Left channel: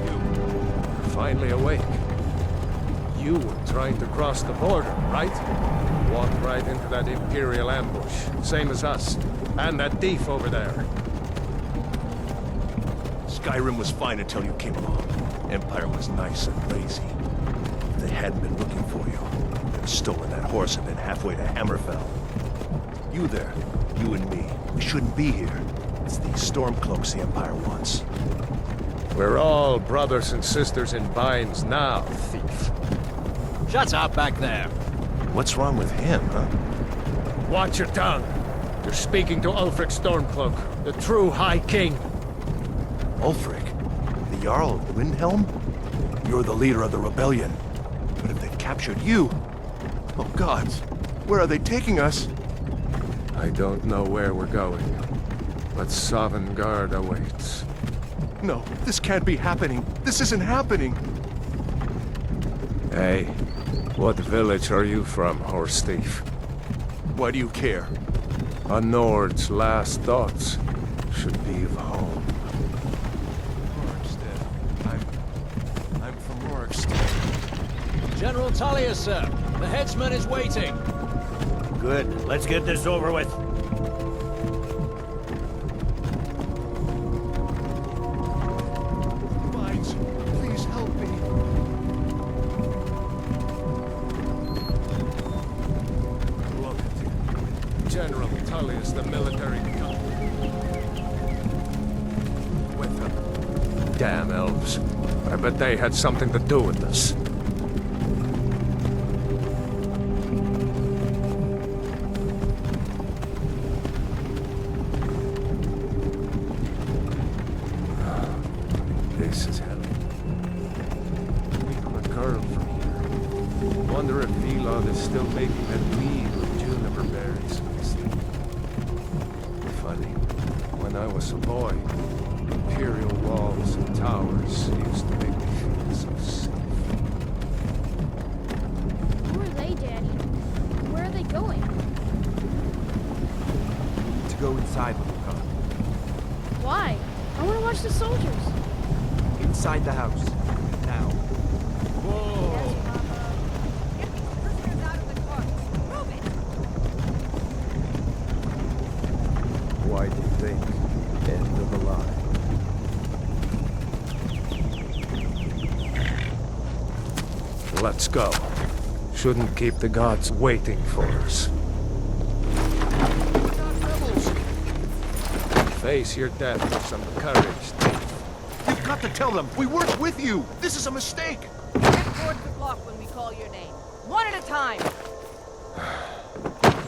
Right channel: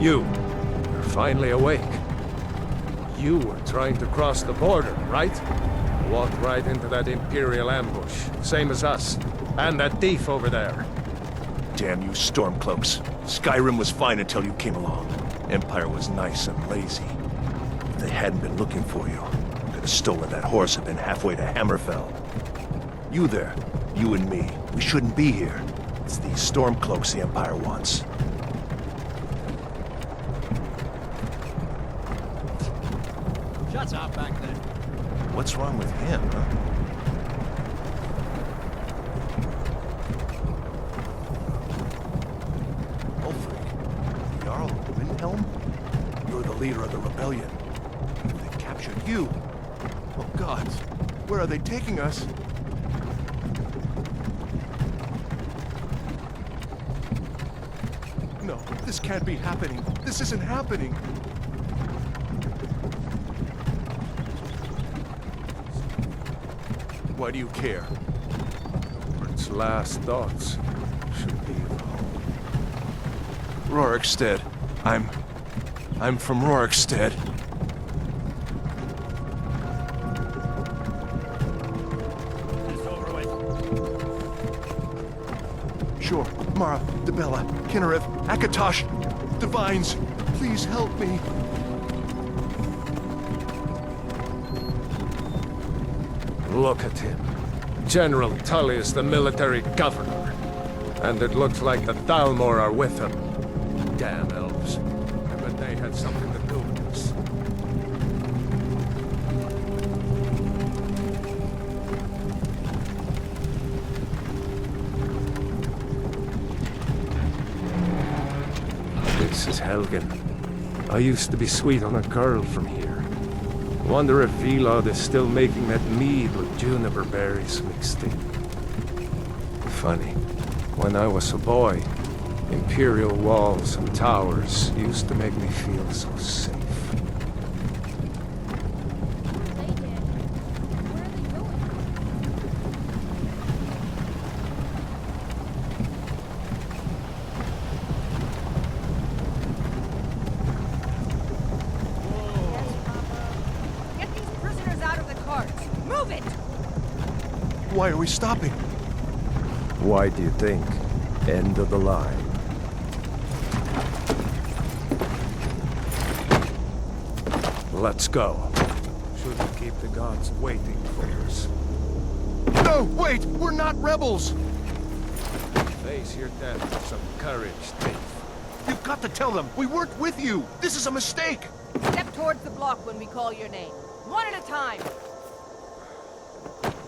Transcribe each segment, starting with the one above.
You're finally awake. You were trying to cross the border, right? Walked right into that Imperial ambush, same as us. And that thief over there. Damn you Stormcloaks. Skyrim was fine until you came along. Empire was nice and lazy. If they hadn't been looking for you, could have stolen that horse and been halfway to Hammerfell. You there, you and me, we shouldn't be here. It's these Stormcloaks the Empire wants. We're all brothers and sisters in binds now, thief. Shut up back there. What's wrong with him, huh? Watch your tongue. You're speaking to Ulfric Stormcloak, the true High King. Ulfric? The Jarl of Windhelm? You're the leader of the rebellion. But if they've captured you... Oh gods, where are they taking us? I don't know where we're going, but Sovngarde awaits. No, this can't be happening. This isn't happening. Hey, what village are you from, horse thief? Why do you care? A Nord's last thoughts should be of home. Rorikstead. I'm from Rorikstead. General Tullius, sir. The headsman is waiting. Good. Let's get this over with. Sure. Mara, Debella, Kinnarev, Akatosh, Divines, please help me. Look at him. General Tullius, the military governor. And it looks like the Thalmor are with him. Damn elves. I bet they had something to do with this. This is Helgen. I used to be sweet on a girl from here. Wonder if Vilod is still making that mead with juniper berries mixed in. Funny, when I was a boy, Imperial walls and towers used to make me feel so safe. Who are they, Daddy? Where are they going? To go inside. Why? I want to watch the soldiers. Inside the house. Now. Yes, Papa. Get these prisoners out of the carts! Move it! Why are we stopping? Why do you think? End of the line. Let's go. Shouldn't keep the gods waiting for us. No, wait! We're not rebels! Face your death with some courage, thief. You've got to tell them! We weren't with you! This is a mistake! Step towards the block when we call your name. One at a time!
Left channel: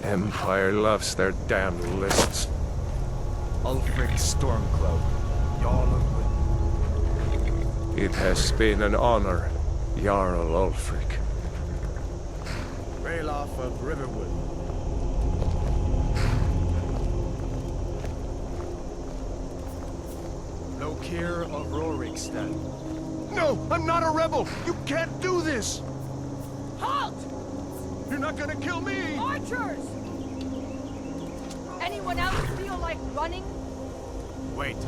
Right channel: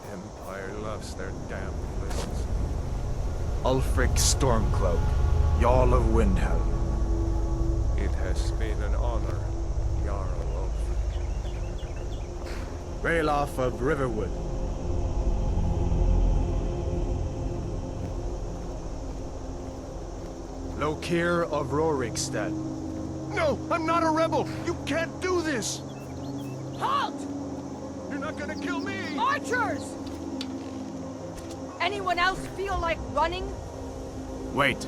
Empire loves their damn lists. Ulfric Stormcloak, Jarl of Windhelm. It has been an honor, Jarl Ulfric. Ralof of Riverwood. Lokir of Rorikstead. No! I'm not a rebel! You can't do this! Halt! You're not gonna kill me! Archers! Anyone else feel like running? Wait.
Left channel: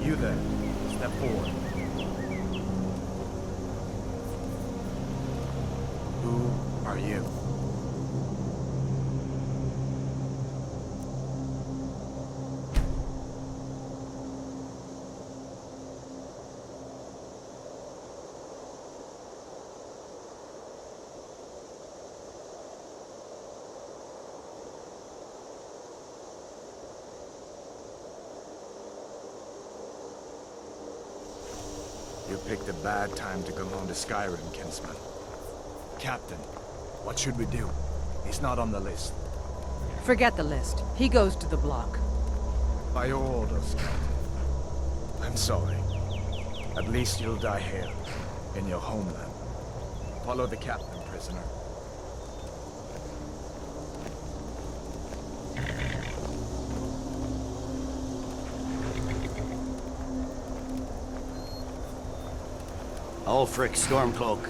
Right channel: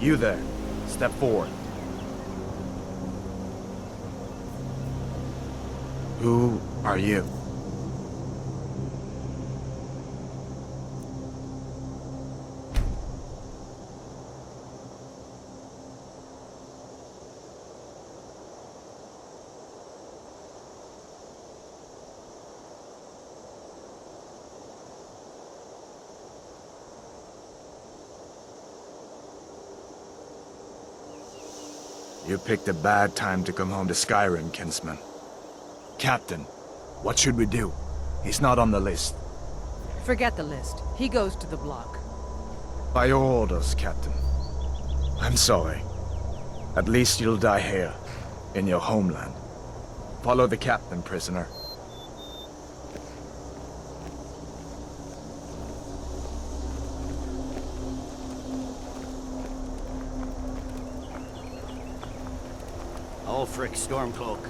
You there. Step forward. Who are you? You picked a bad time to come home to Skyrim, kinsman. Captain, what should we do? He's not on the list. Forget the list. He goes to the block. By your orders, Captain. I'm sorry. At least you'll die here, in your homeland. Follow the captain, prisoner. Ulfric Stormcloak.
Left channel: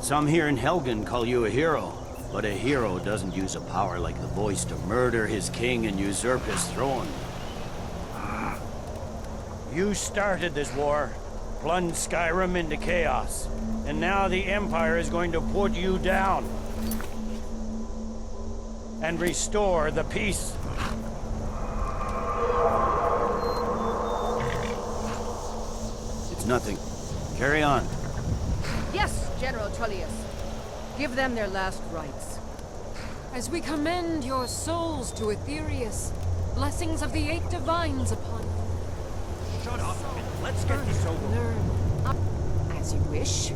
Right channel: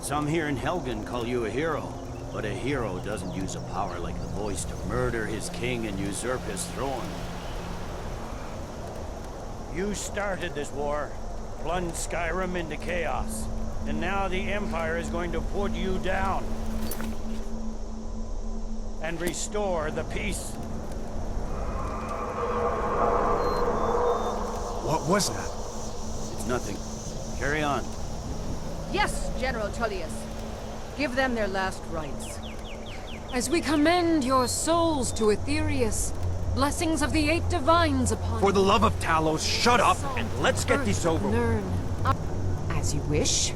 Some here in Helgen call you a hero, but a hero doesn't use a power like the voice to murder his king and usurp his throne. You started this war. plunged Skyrim into chaos. And now the Empire is going to put you down. And restore the peace. What was that? It's nothing. Carry on. Yes, General Tullius. Give them their last rites. As we commend your souls to Aetherius, blessings of the 8 divines upon For the love of Talos, shut up and let's get this over with. Learn. As you wish.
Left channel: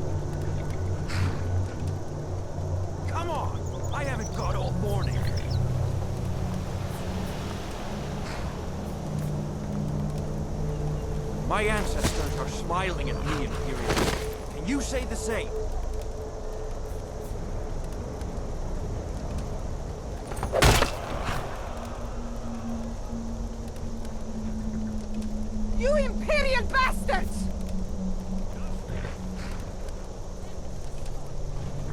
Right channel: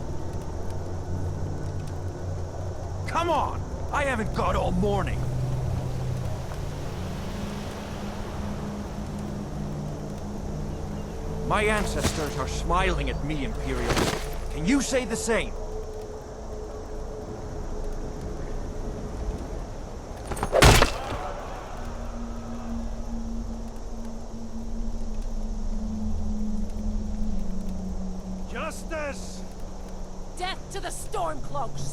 Come on! I haven't got all morning. My ancestors are smiling at me, Imperials. Can you say the same? You Imperial bastards! Justice! Death to the Stormcloaks!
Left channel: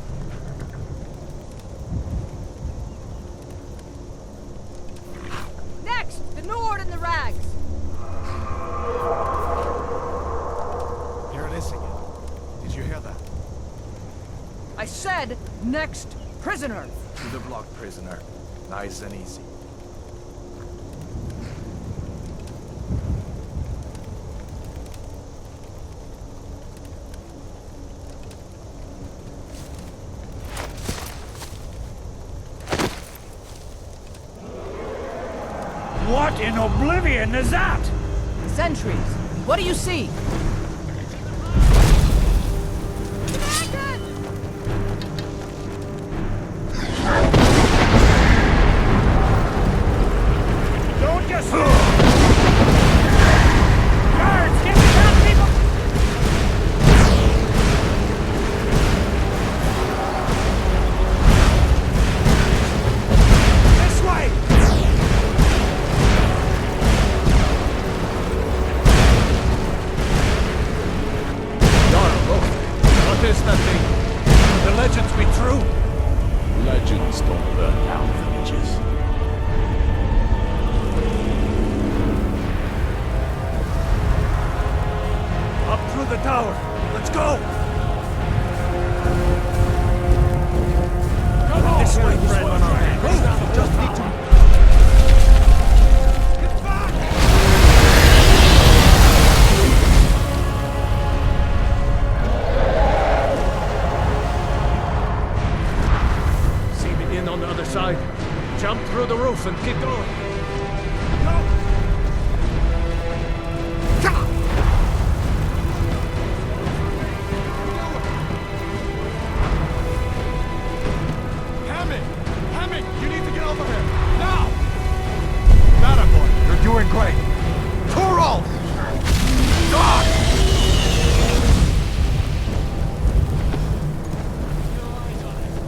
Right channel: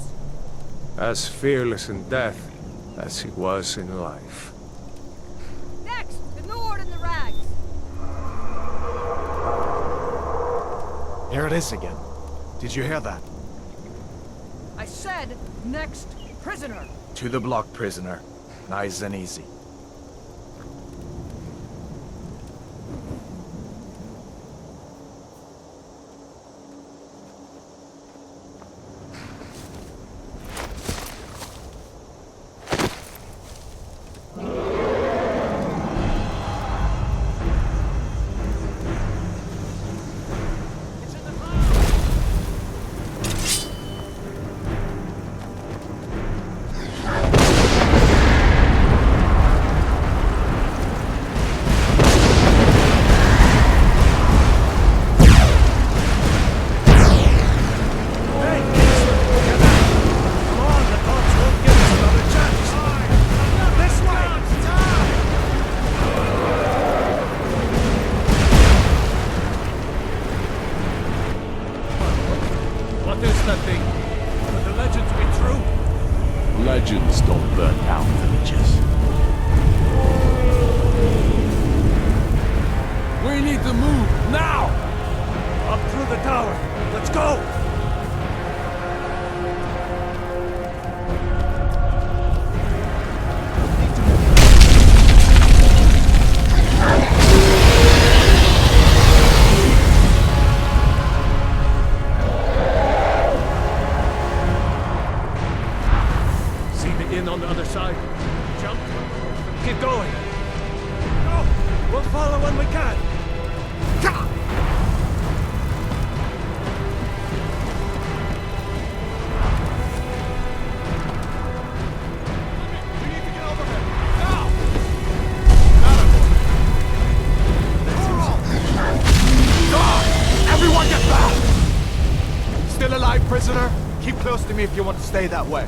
As fearless in death as he was in life. Next, the Nord and the Rags. Here it is again. Did you hear that? I said, next prisoner. To the block, prisoner. Nice and easy. What in oblivion is that? Sentries, what do you see? What is that thing? Could the legends be true? Legends don't burn down villages. We need to move, now! Up through the tower. Let's go! This way, friend. Just need to move. In on the other side. Jump through the roof and keep going. Go! We'll follow when we can. Hammond! You need to get over here! Now! That boy, you're doing great. Toro! Dog! Everyone get down! Still alive, prisoner? Keep close to me if you want to stay that way.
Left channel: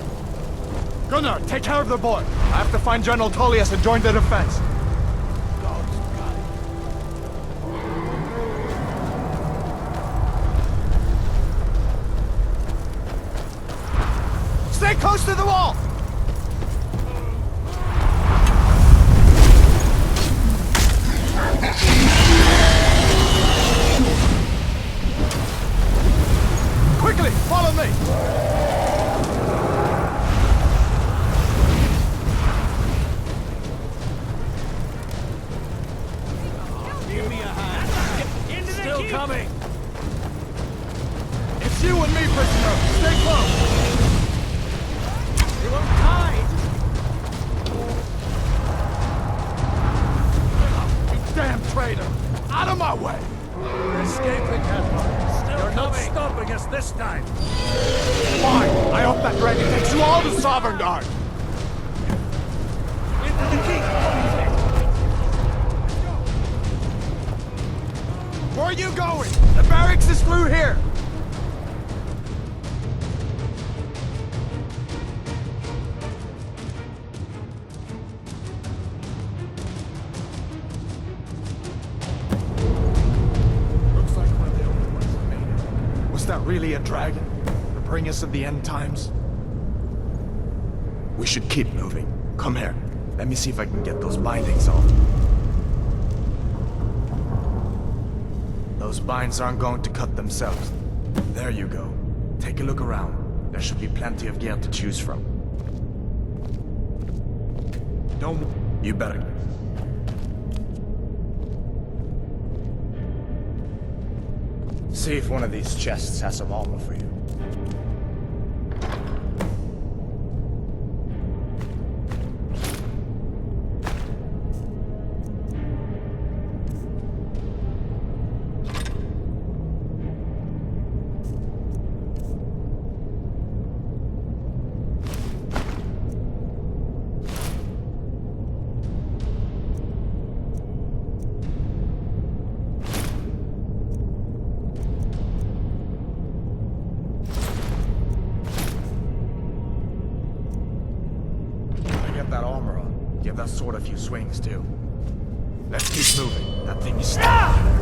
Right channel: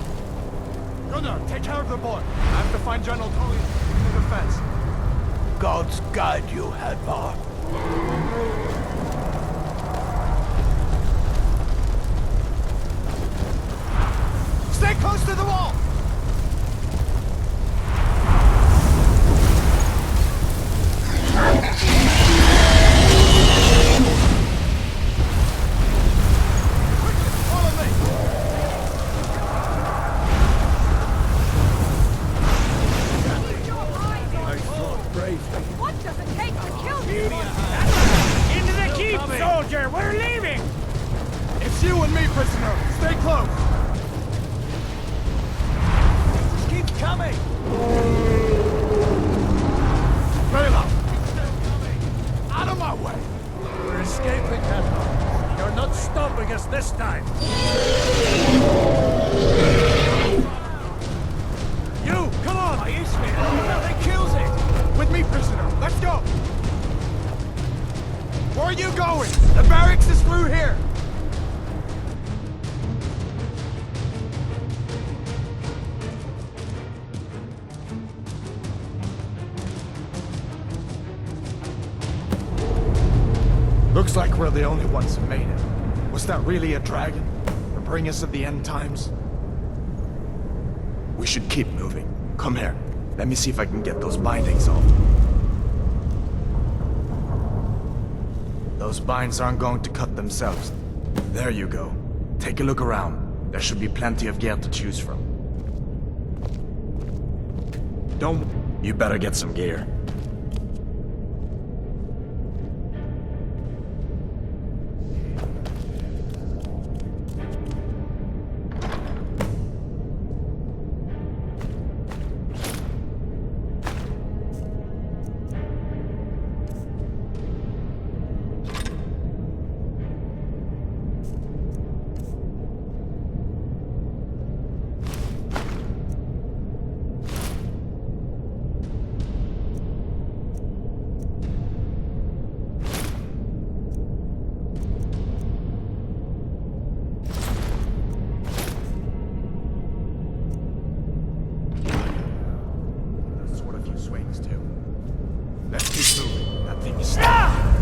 Gunnar, take care of the boy. I have to find General Tullius and join the defense. Gods guide you, Hrothgar. Stay close to the wall! Quickly, follow me! What does it take to kill you? Give me a hand. Into the keep, coming. soldier! We're leaving! It's you and me, prisoner. Stay close. You won't die, just keep coming! Bela, you damn traitor. Out of my way. We're escaping, Hrothgar. You're not stopping us this time. I hope that dragon is your sovereign guard. You, come on! It kills it! With me, prisoner. Let's go. Where are you going? The barracks is through here. Looks like we're the only ones who made it. Was that really a dragon? To bring us of the end times? We should keep moving. Come here. Let me see if I can get those bindings off. Those binds aren't going to cut themselves. There you go. Take a look around. There should be plenty of gear to choose from. Don't... You better get some gear. See if one of these chests has some armor for you. Sword a few swings too. Let's keep moving. That thing is still there.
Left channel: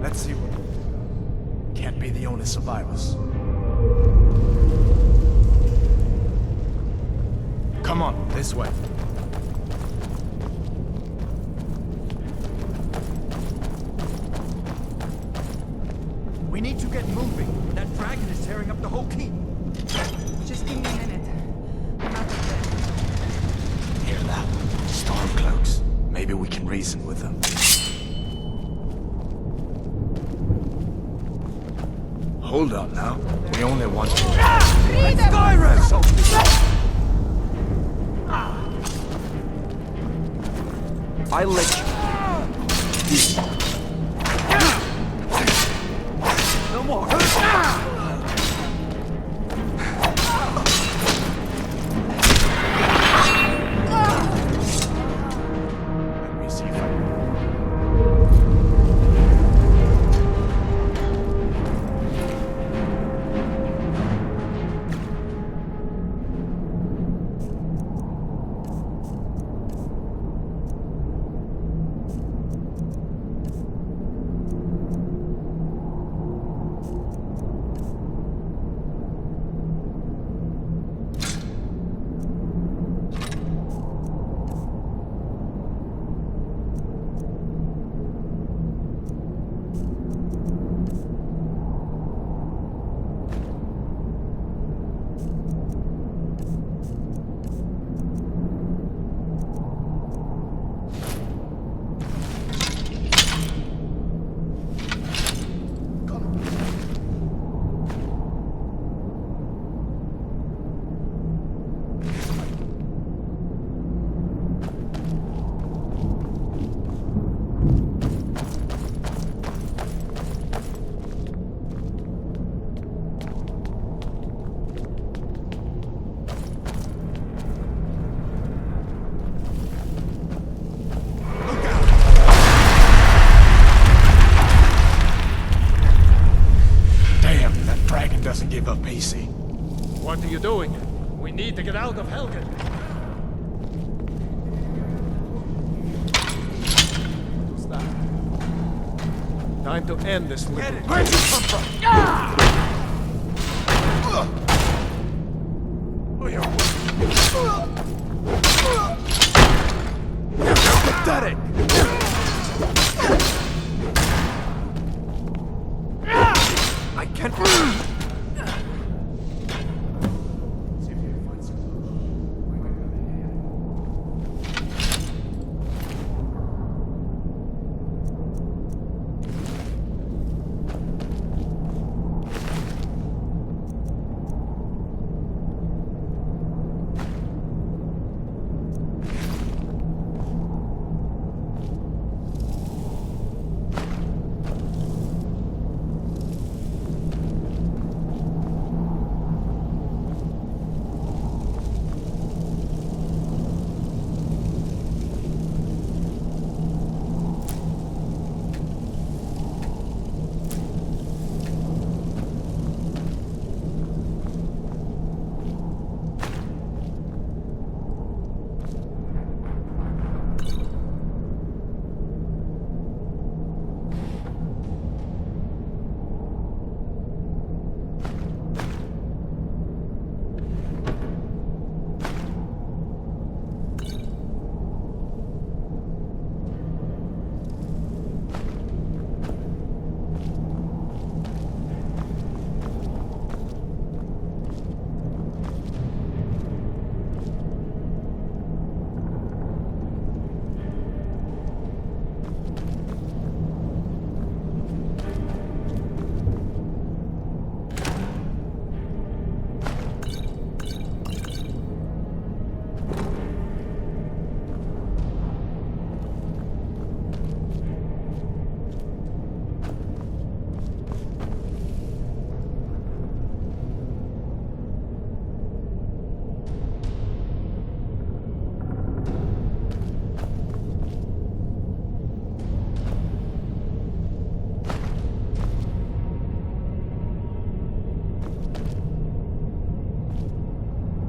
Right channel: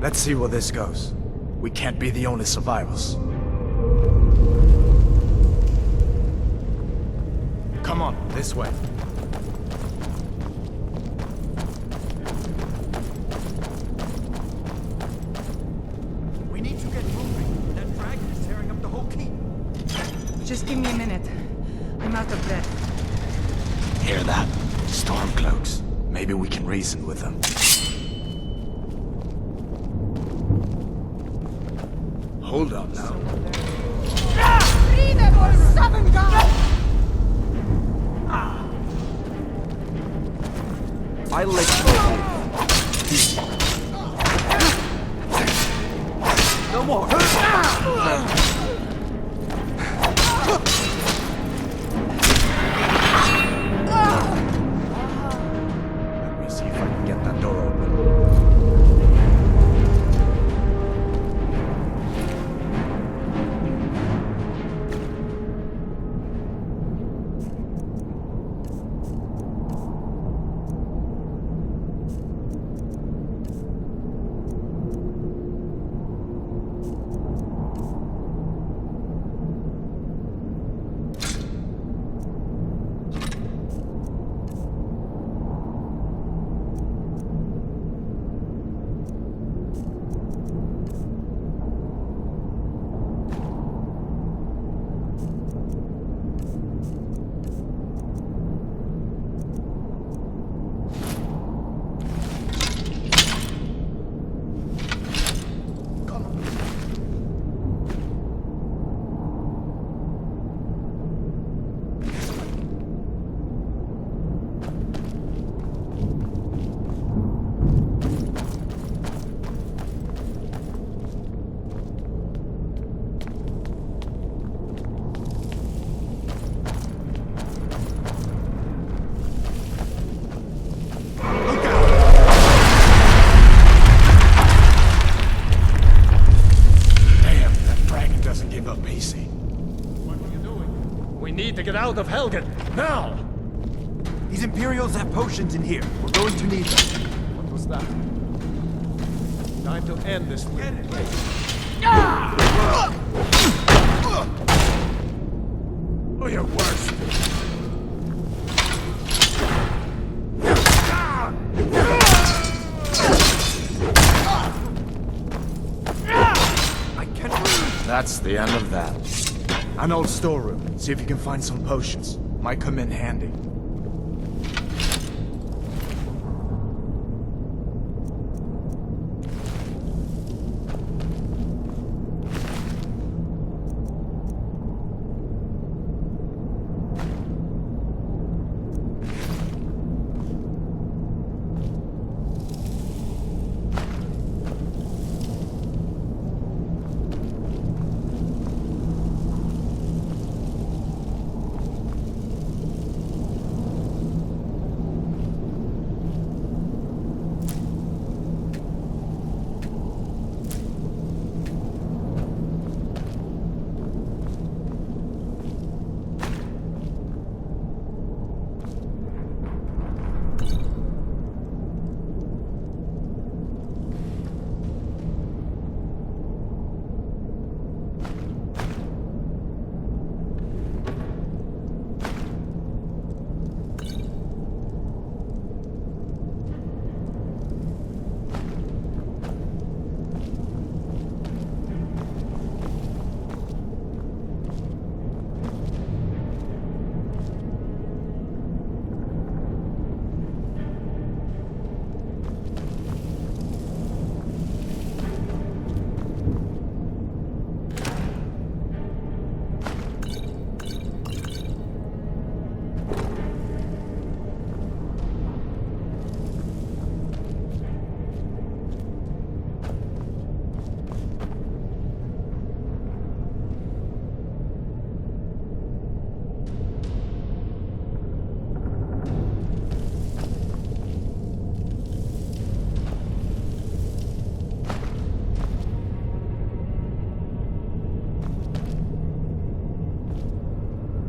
Let's see where this goes. We can't be the only survivors. Come on, this way. We need to get moving. That dragon is tearing up the whole keep. Just give me a minute. I'm out of breath. Hear that? Stormcloaks. Maybe we can reason with them. Hold up now. We only want to... I let you. No more. Let me see if I can get that door. Give up easy. What are you doing? We need to get out of Helgen, now! These Imperials have potions in here. We're going to need them. What was that? Time to end this little... Get it! Where'd you come from? Oh, you're worse. Got it! I can't... That's the end of that. An old storeroom. See if you can find some potions. Might come in handy.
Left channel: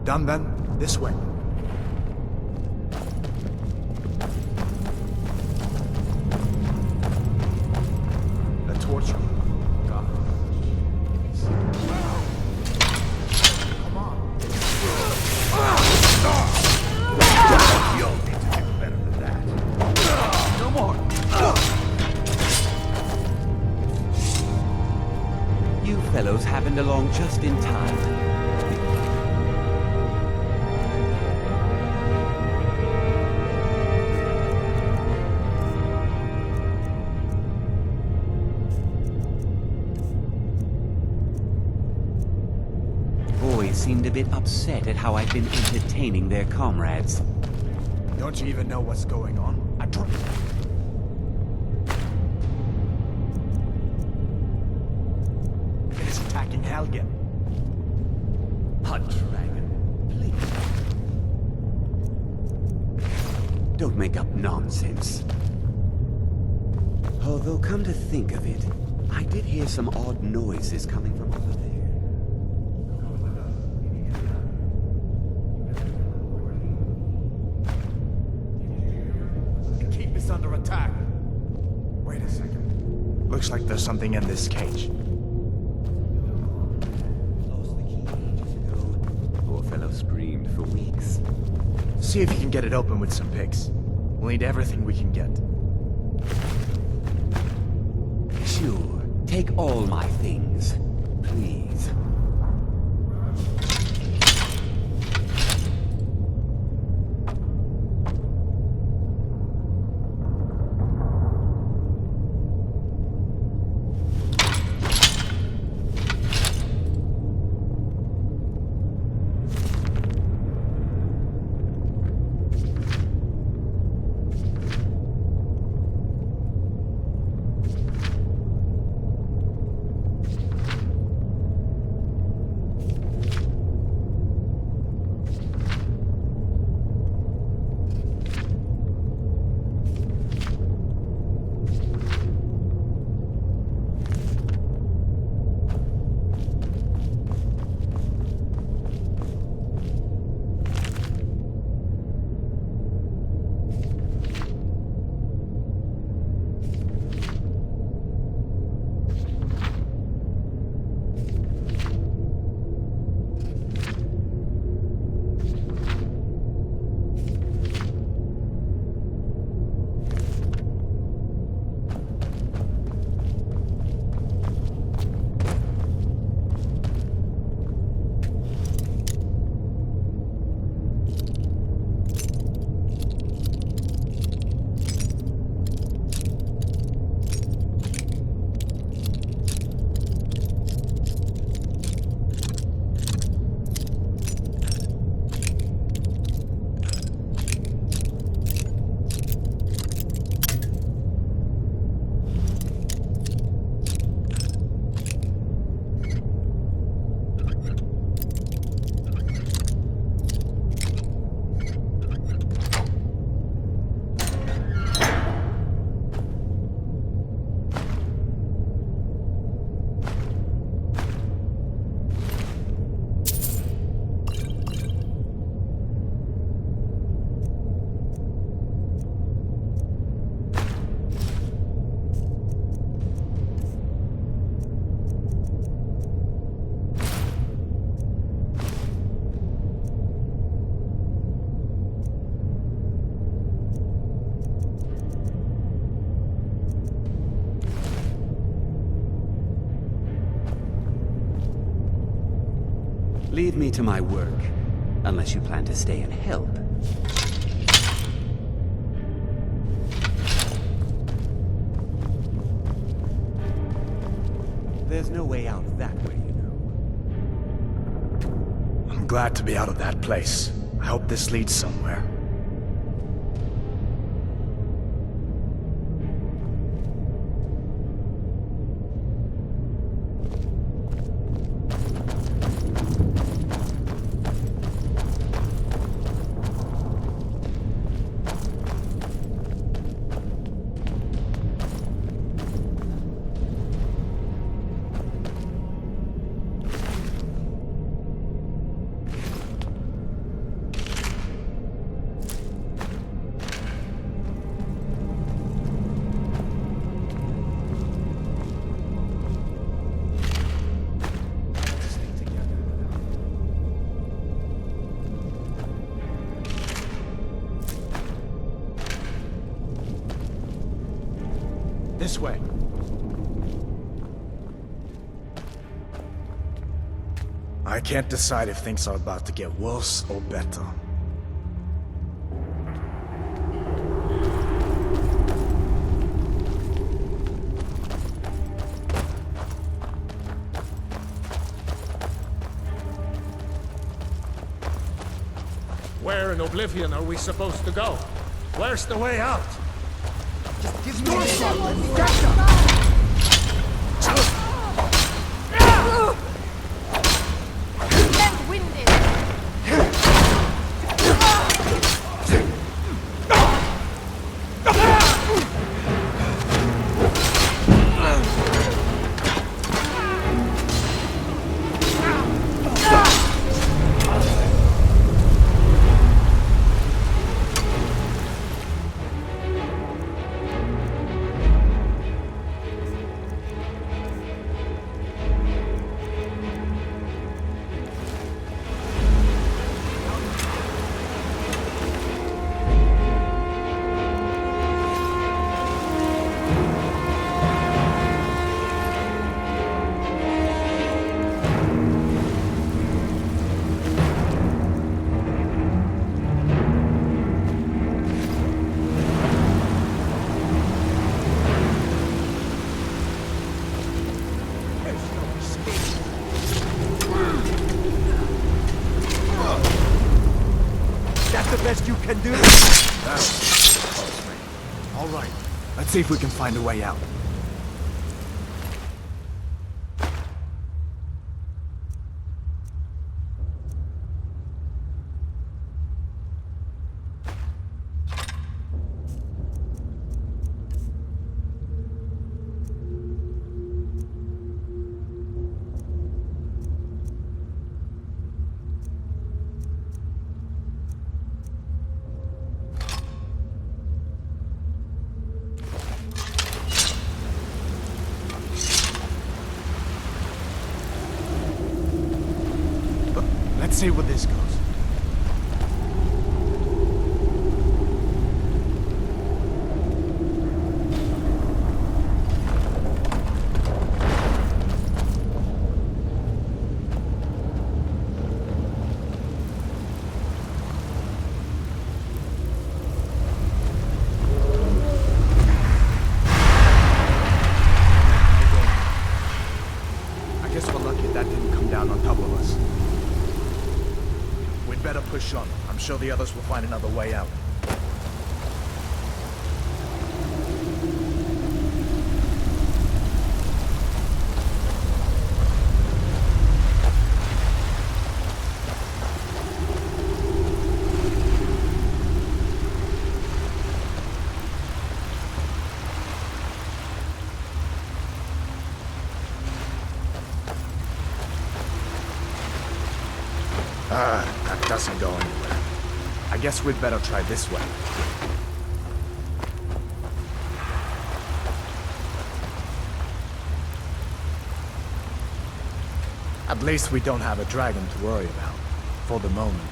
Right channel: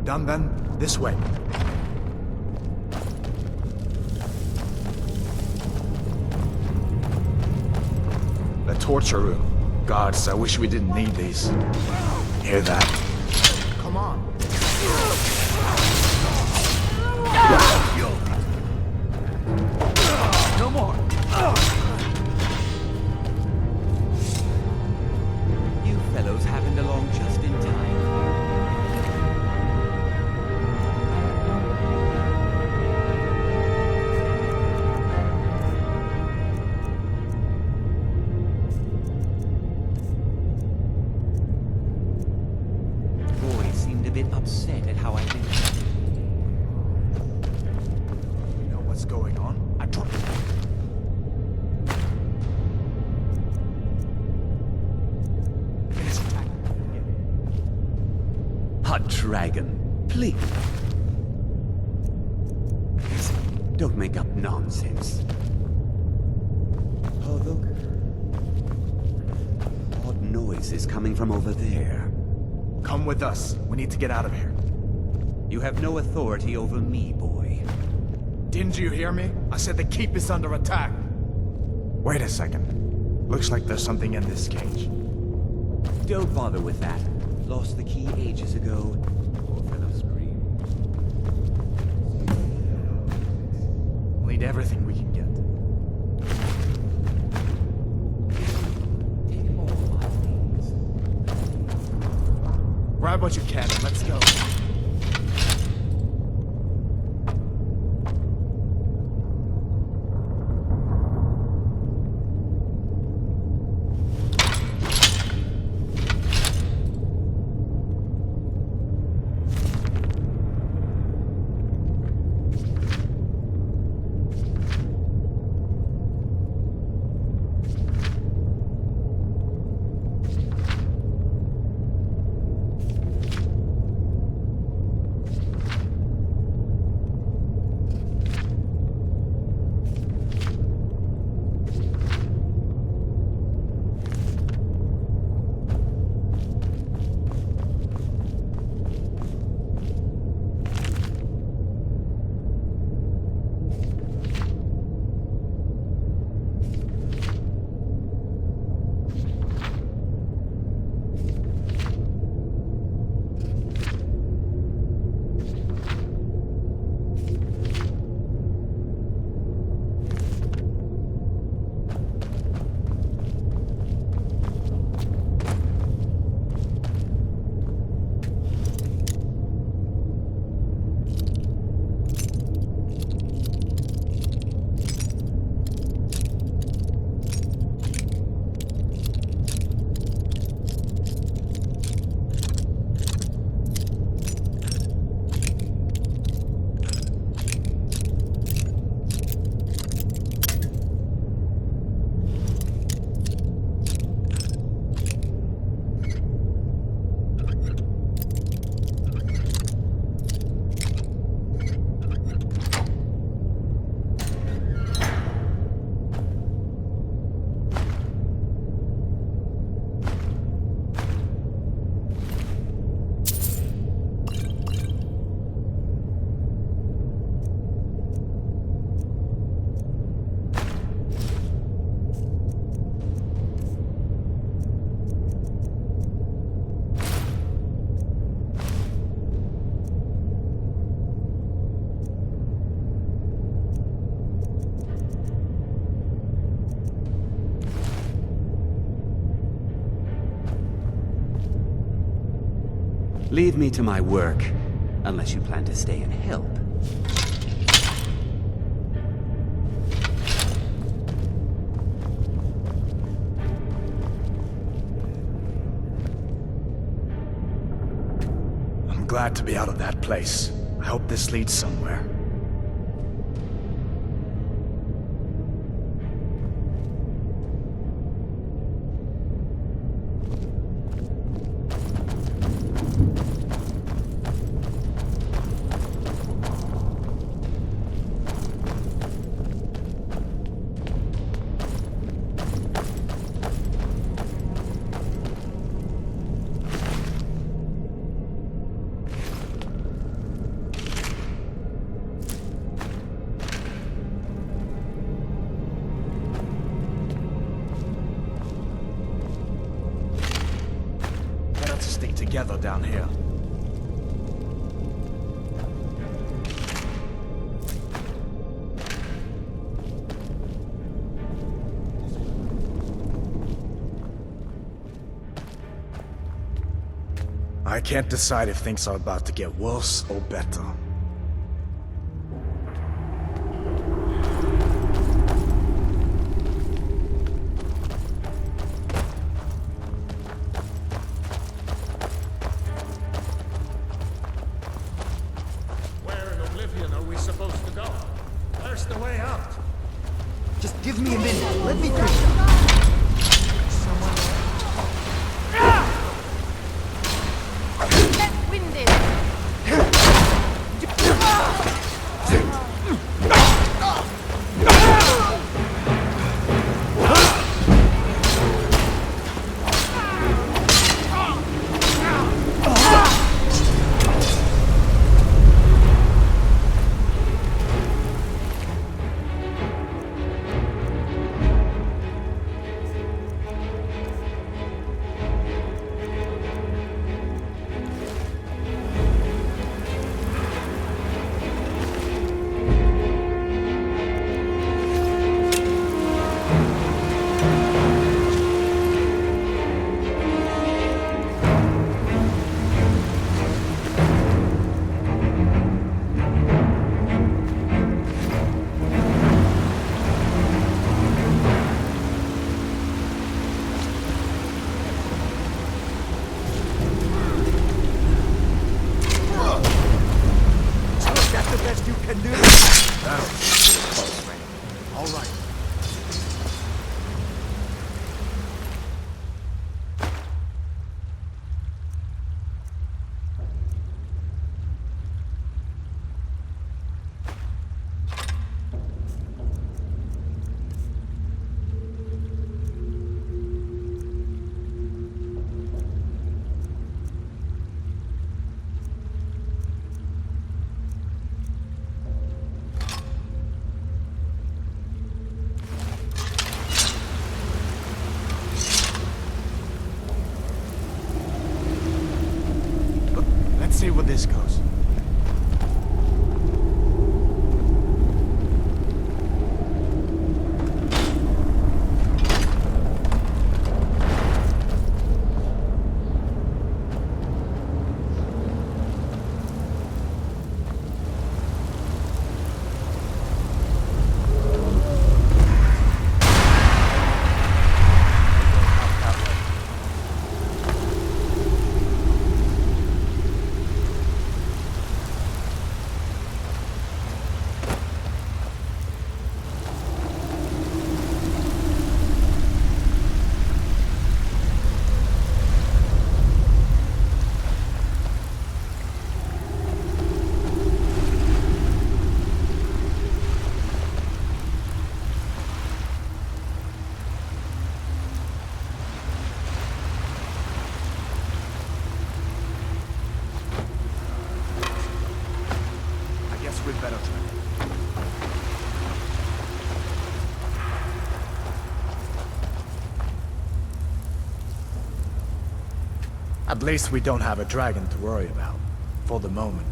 Done then? This way. The torture room. Gods, I wish we didn't need these. Hear that? Come on. You'll be doing better than that. No more. You fellows happened along just in time. Boys seemed a bit upset at how I've been entertaining their comrades. Don't you even know what's going on? Finish attacking Helgen. A dragon, please. Don't make up nonsense. Although, come to think of it, I did hear some odd noises coming from over there. Come with us. We need to get out of here. You have no authority over me, boy. Didn't you hear me? I said the keep is under attack. Wait a second. Looks like there's something in this cage. Don't bother with that. Lost the key ages ago. Poor fellow screamed for weeks. See if you can get it open with some picks. We'll need everything we can get. Sure. Take all my things. Please. Grab what you can and let's go. Leave me to my work, unless you plan to stay and help. There's no way out of that way, you know. I'm glad to be out of that place. I hope this leads somewhere. together down here. This way. I can't decide if things are about to get worse or better. Where in Oblivion are we supposed to go? Where's the way out? Just give me a minute. Let me catch them. Winded. Best you can do? That's pretty close, man. All right, let's see if we can find a way out. Let's see where this goes. That doesn't go anywhere. I guess we'd better try this way. At least we don't have a dragon to worry about, for the moment.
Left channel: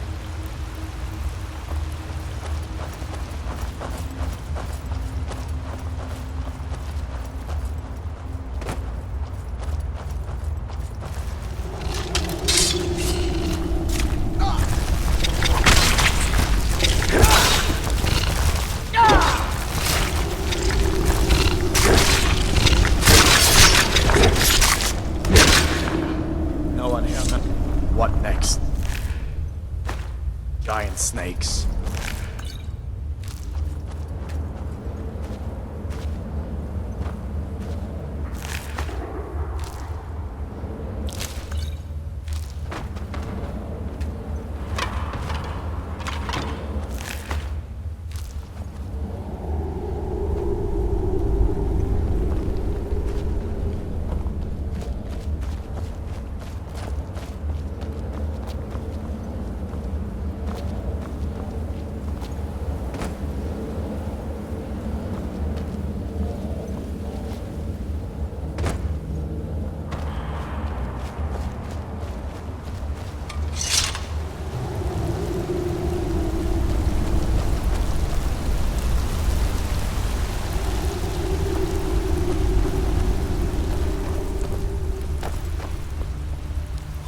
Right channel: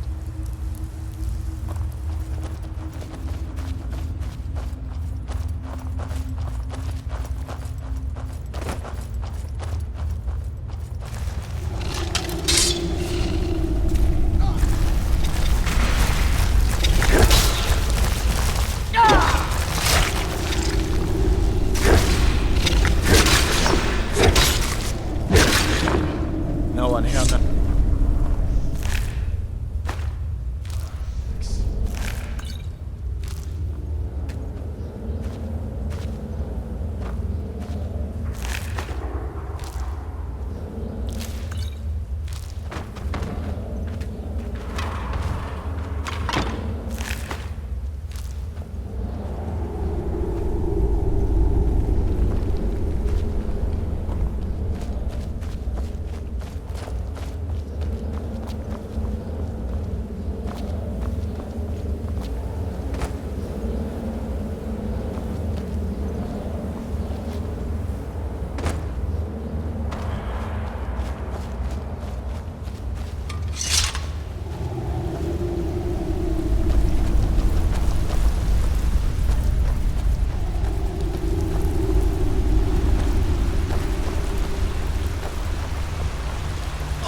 No one here. What next? Giant snakes.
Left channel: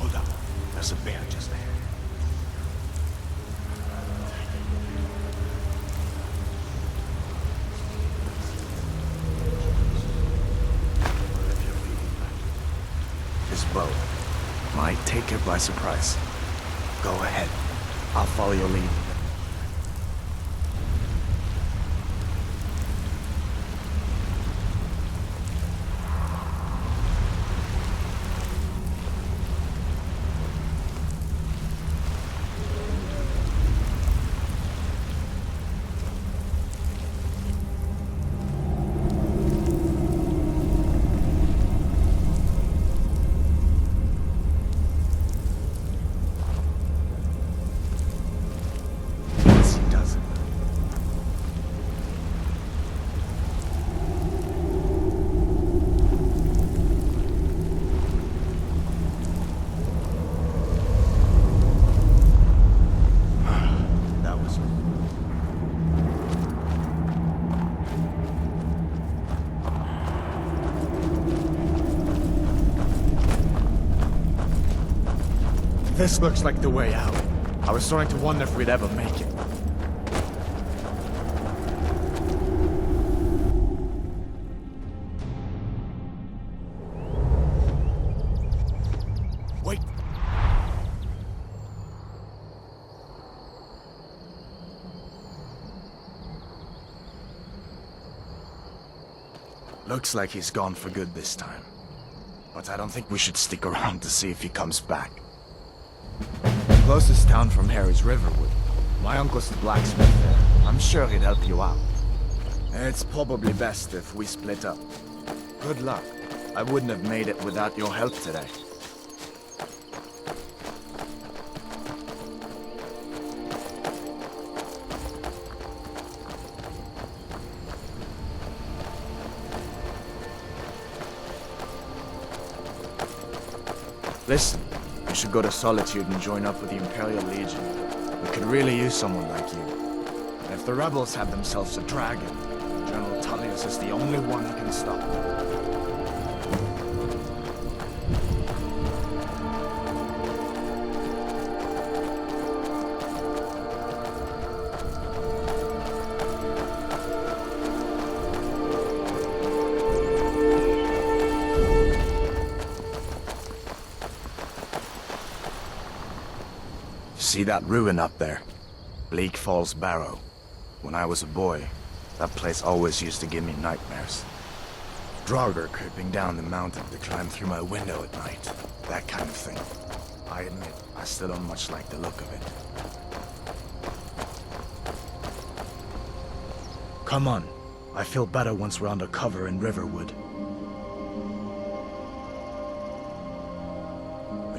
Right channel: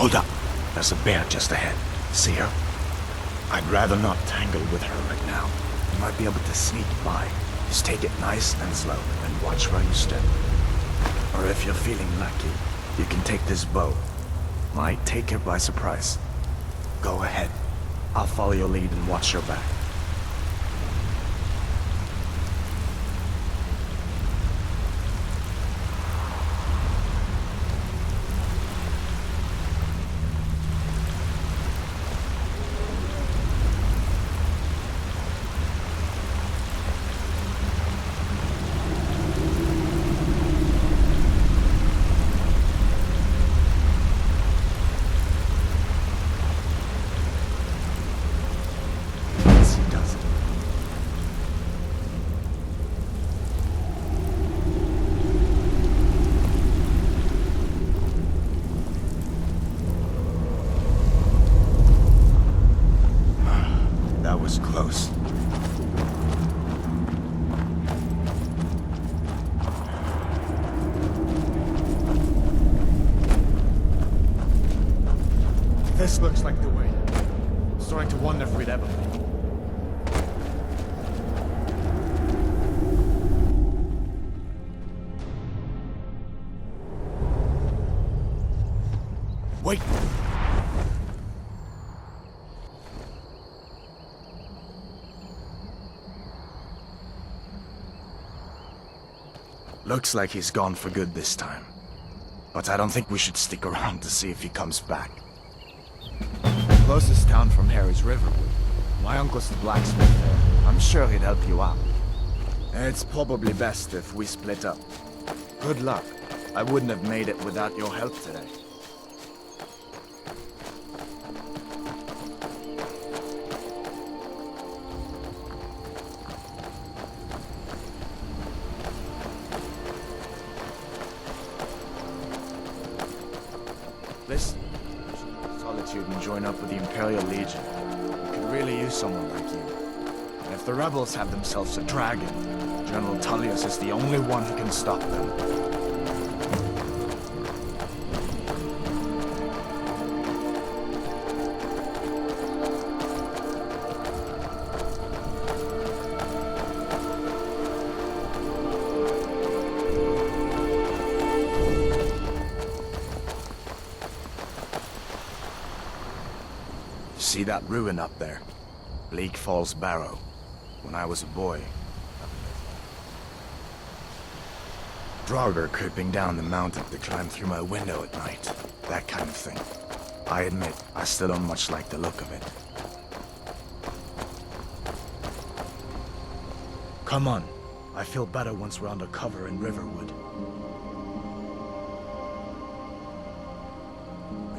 Hold up. There's a bear just ahead. See her? I'd rather not tangle with her right now. You might be able to sneak by. Just take it nice and slow, and watch where you step. Or if you're feeling lucky, you can take this bow. Might take her by surprise. Go ahead. I'll follow your lead and watch your back. Was close. This looks like the way out. I was starting to wonder if we'd ever make it. Wait! Looks like he's gone for good this time. But I don't think we should stick around to see if he comes back. The closest town from here is Riverwood. My uncle's the blacksmith there. I'm sure he'd help you out. It's probably best if we split up. Good luck. I wouldn't have made it without your help today. Listen, you should go to Solitude and join up with the Imperial Legion. We could really use someone like you. And if the rebels have themselves a dragon, General Tullius is the only one who can stop them. See that ruin up there? Bleak Falls Barrow. When I was a boy, that place always used to give me nightmares. Hrothgar creeping down the mountain to climb through my window at night. That kind of thing. I admit, I still don't much like the look of it. Come on. I feel better once we're under cover in Riverwood.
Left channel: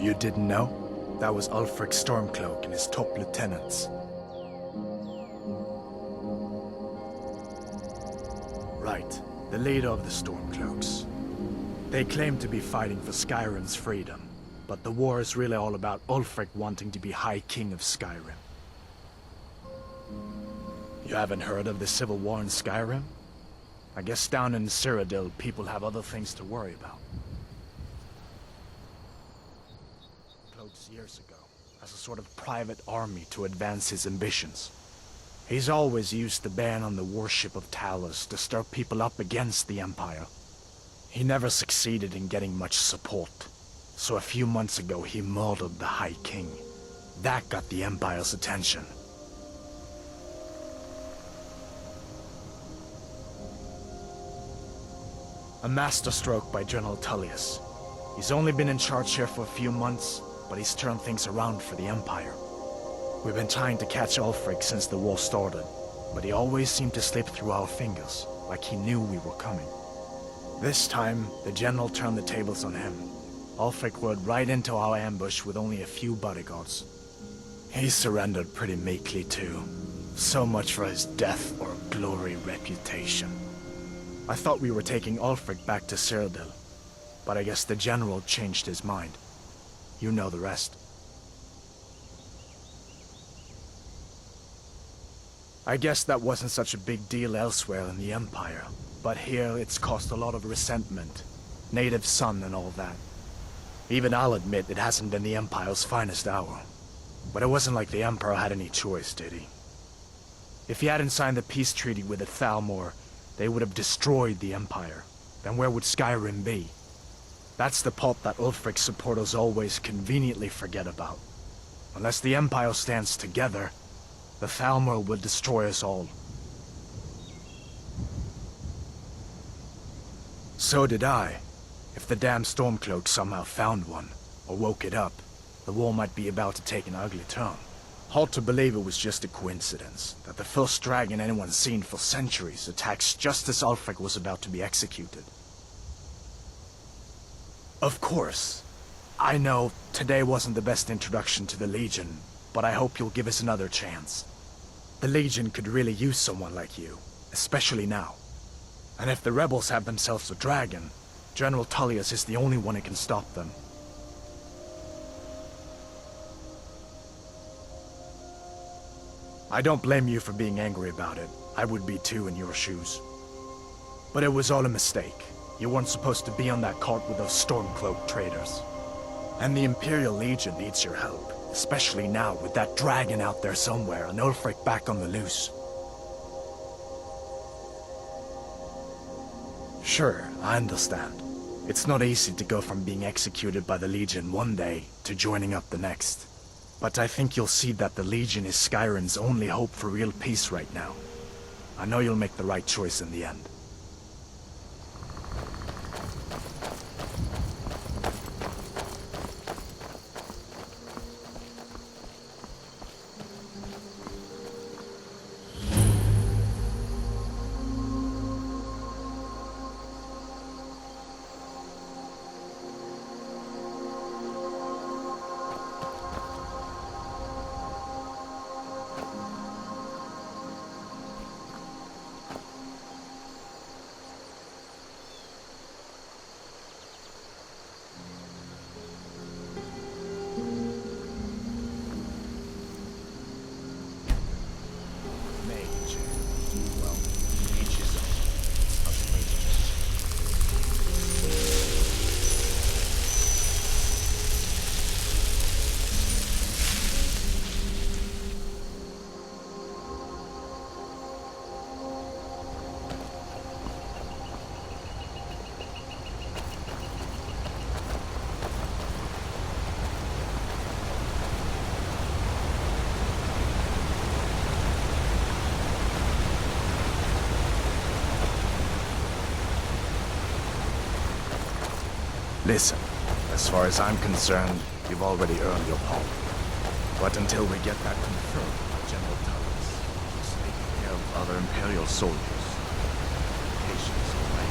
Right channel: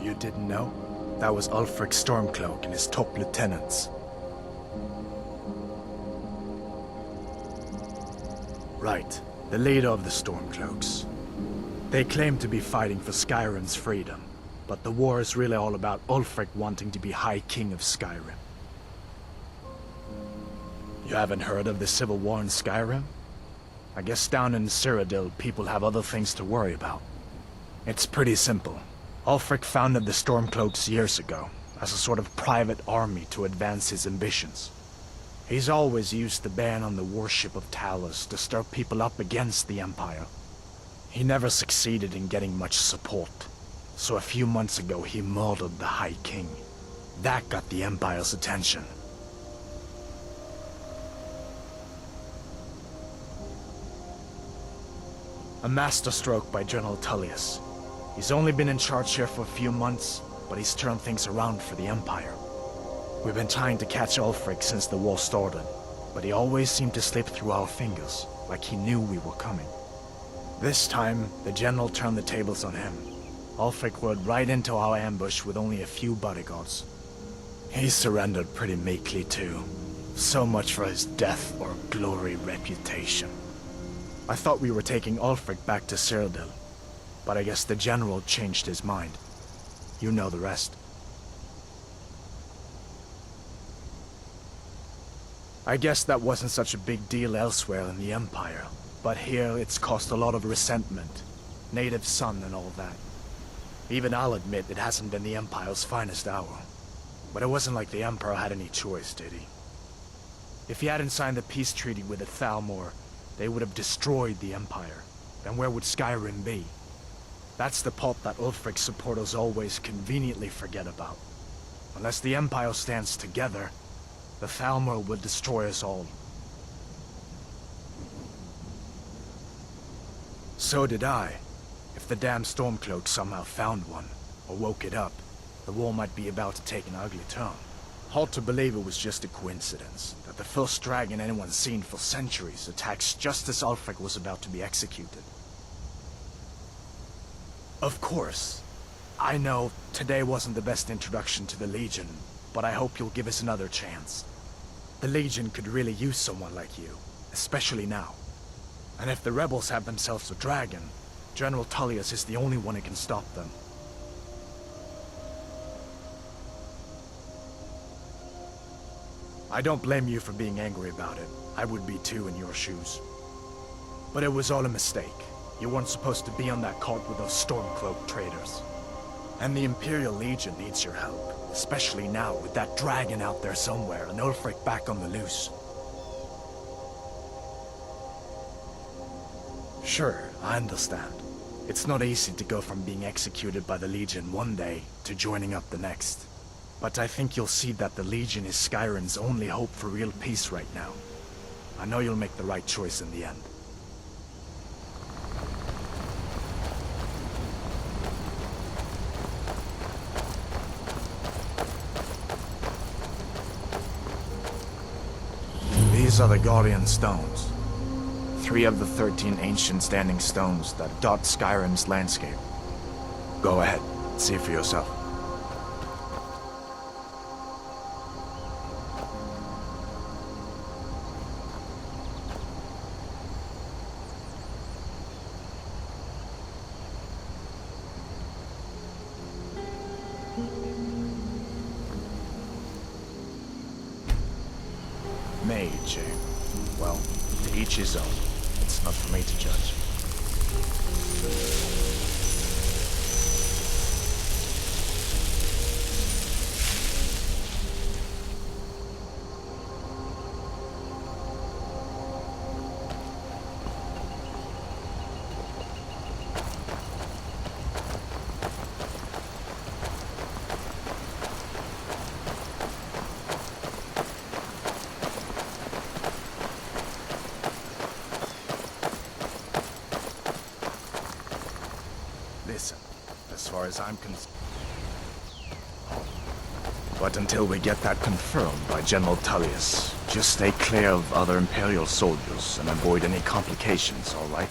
You didn't know? That was Ulfric Stormcloak and his top lieutenants. Right, the leader of the Stormcloaks. They claim to be fighting for Skyrim's freedom, but the war is really all about Ulfric wanting to be High King of Skyrim. You haven't heard of the civil war in Skyrim? I guess down in Cyrodiil, people have other things to worry about. It's pretty simple. Ulfric founded the Stormcloaks years ago, as a sort of private army to advance his ambitions. He's always used the ban on the worship of Talos to stir people up against the Empire. He never succeeded in getting much support, so a few months ago he murdered the High King. That got the Empire's attention. A masterstroke by General Tullius. He's only been in charge here for a few months, but he's turned things around for the Empire. We've been trying to catch Ulfric since the war started, but he always seemed to slip through our fingers, like he knew we were coming. This time, the General turned the tables on him. Ulfric rode right into our ambush with only a few bodyguards. He surrendered pretty meekly too. So much for his death or glory reputation. I thought we were taking Ulfric back to Cyrodiil, but I guess the General changed his mind. You know the rest. I guess that wasn't such a big deal elsewhere in the Empire, but here it's caused a lot of resentment. Native son and all that. Even I'll admit it hasn't been the Empire's finest hour. But it wasn't like the Emperor had any choice, did he? If he hadn't signed the peace treaty with the Thalmor, they would have destroyed the Empire. Then where would Skyrim be? That's the part that Ulfric's supporters always conveniently forget about. Unless the Empire stands together, the Thalmor will destroy us all. So did I. If the damn Stormcloak somehow found one, or woke it up, the war might be about to take an ugly turn. Hard to believe it was just a coincidence, that the first dragon anyone's seen for centuries attacks just as Ulfric was about to be executed. Of course, I know today wasn't the best introduction to the Legion, but I hope you'll give us another chance. The Legion could really use someone like you, especially now. And if the rebels have themselves a dragon, General Tullius is the only one who can stop them. I don't blame you for being angry about it. I would be too in your shoes. But it was all a mistake. You weren't supposed to be on that cart with those Stormcloak traitors. And the Imperial Legion needs your help, especially now with that dragon out there somewhere and Ulfric back on the loose. Sure, I understand. It's not easy to go from being executed by the Legion one day to joining up the next. But I think you'll see that the Legion is Skyrim's only hope for real peace right now. I know you'll make the right choice in the end. These are the Guardian Stones. 3 of the 13 ancient standing stones that dot Skyrim's landscape. Go ahead, see for yourself. Mage, well, to each his own. It's not for me to judge. Listen, as far as I'm concerned, you've already earned your pardon. But until we get that confirmed by General Tullius, just stay clear of other Imperial soldiers and avoid any complications, all right?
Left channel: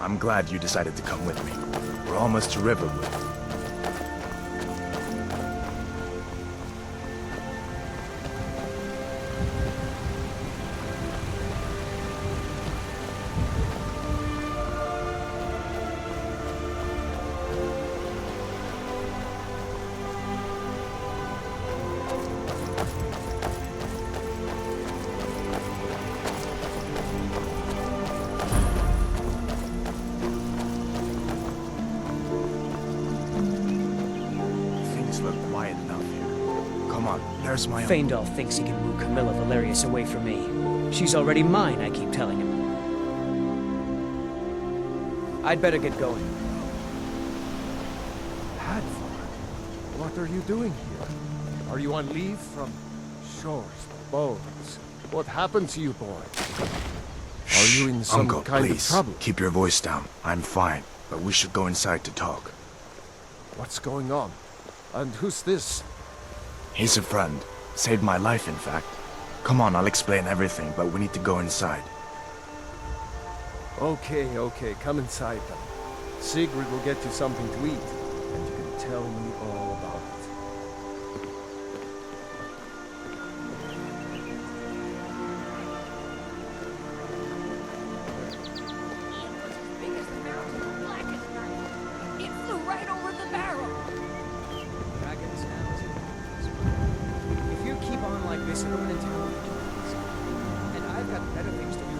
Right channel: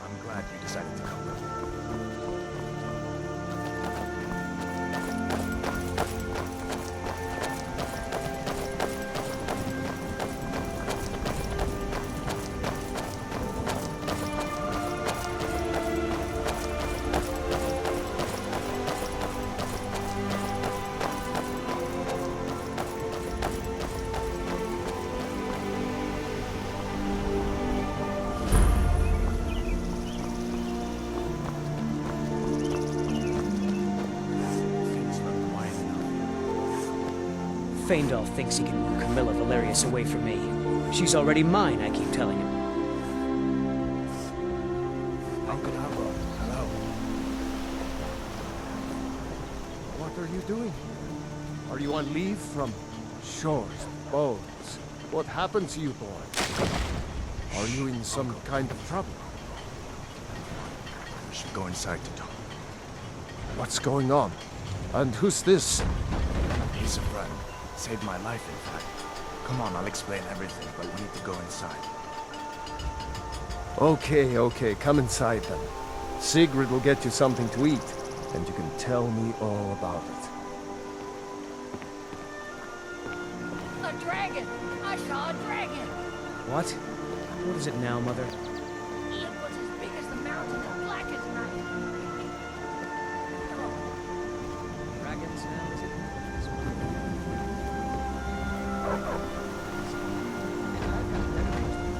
I'm glad you decided to come with me. We're almost to Riverwood. Feindal thinks he can woo Camilla Valerius away from me. She's already mine, I keep telling him. I'd better get going. Hello. Hadvar, what are you doing here? Are you on leave from... Sure. bones. What happened to you, boy? Are you in some Uncle, kind please, of trouble? keep your voice down. I'm fine, but we should go inside to talk. What's going on? And who's this? He's a friend. Saved my life, in fact. Come on, I'll explain everything, but we need to go inside. Okay, come inside then. Sigrid will get you something to eat, and you can tell me all about it. A dragon! I saw a dragon! What? What is it now, Mother? It was as big as the mountain and black as night. It flew right over the barrel. Dragons now, is it? If you keep on like this, it'll all turn into dragons. And I've got better things to do.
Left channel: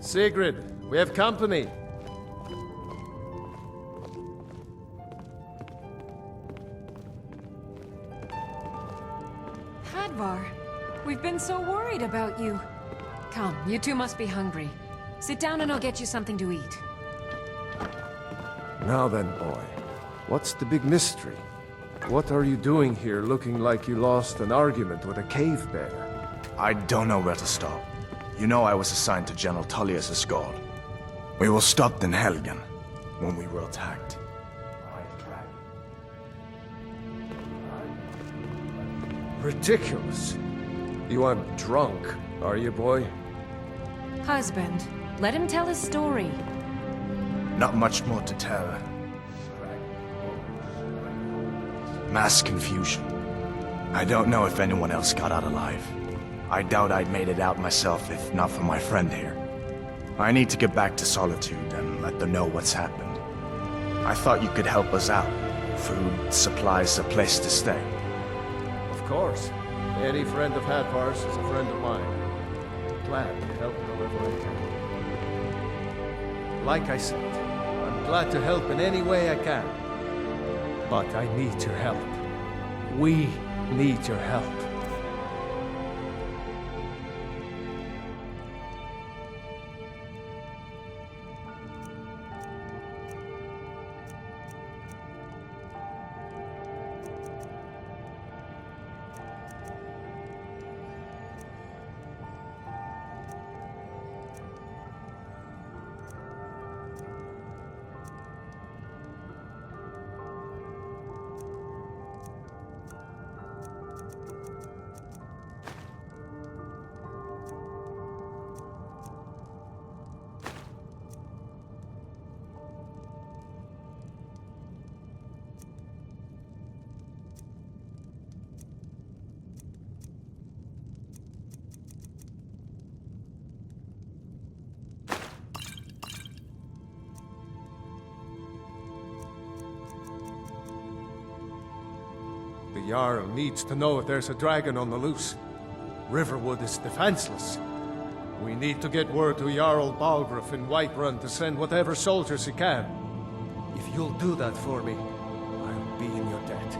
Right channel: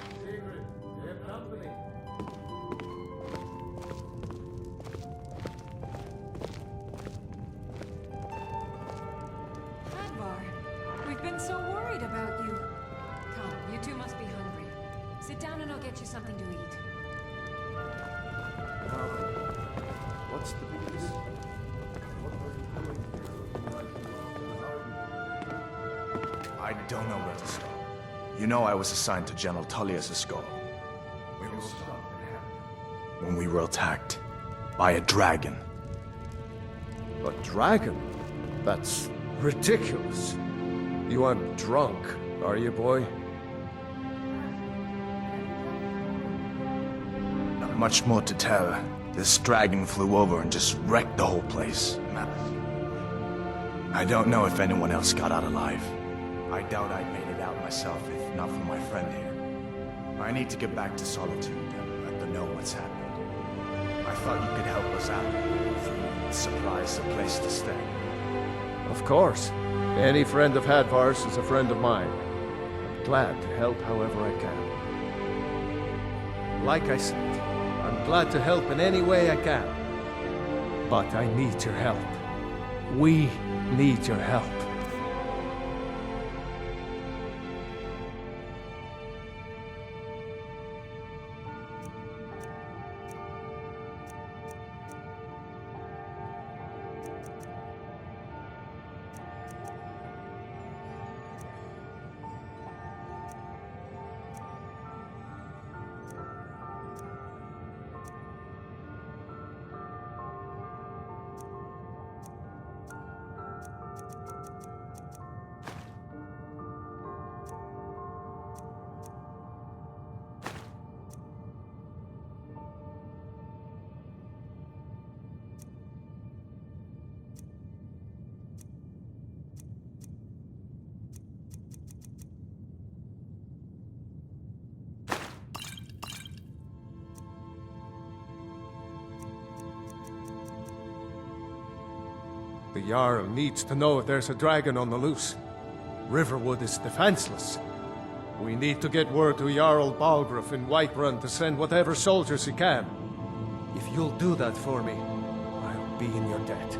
Sigrid, we have company. Hrothgar, we've been so worried about you. Come, you two must be hungry. Sit down and I'll get you something to eat. Now then, boy, what's the big mystery? What are you doing here looking like you lost an argument with a cave bear? I don't know where to start. You know I was assigned to General Tullius' guard. We were stopped in Helgen when we were attacked by a dragon. A dragon? That's ridiculous. You aren't drunk, are you, boy? Husband, let him tell his story. Not much more to tell. This dragon flew over and just wrecked the whole place. Mass confusion. I don't know if anyone else got out alive. I doubt I'd made it out myself if not for my friend here. I need to get back to Solitude and let them know what's happened. I thought you could help us out. Food, supplies, a place to stay. Of course. Any friend of Hrothgar's is a friend of mine. Glad to help however I can. Like I said, I'm glad to help in any way I can. But I need your help. We need your help. The Jarl needs to know if there's a dragon on the loose. Riverwood is defenseless. We need to get word to Jarl Balgruuf in Whiterun to send whatever soldiers he can. If you'll do that for me, I'll be in your debt.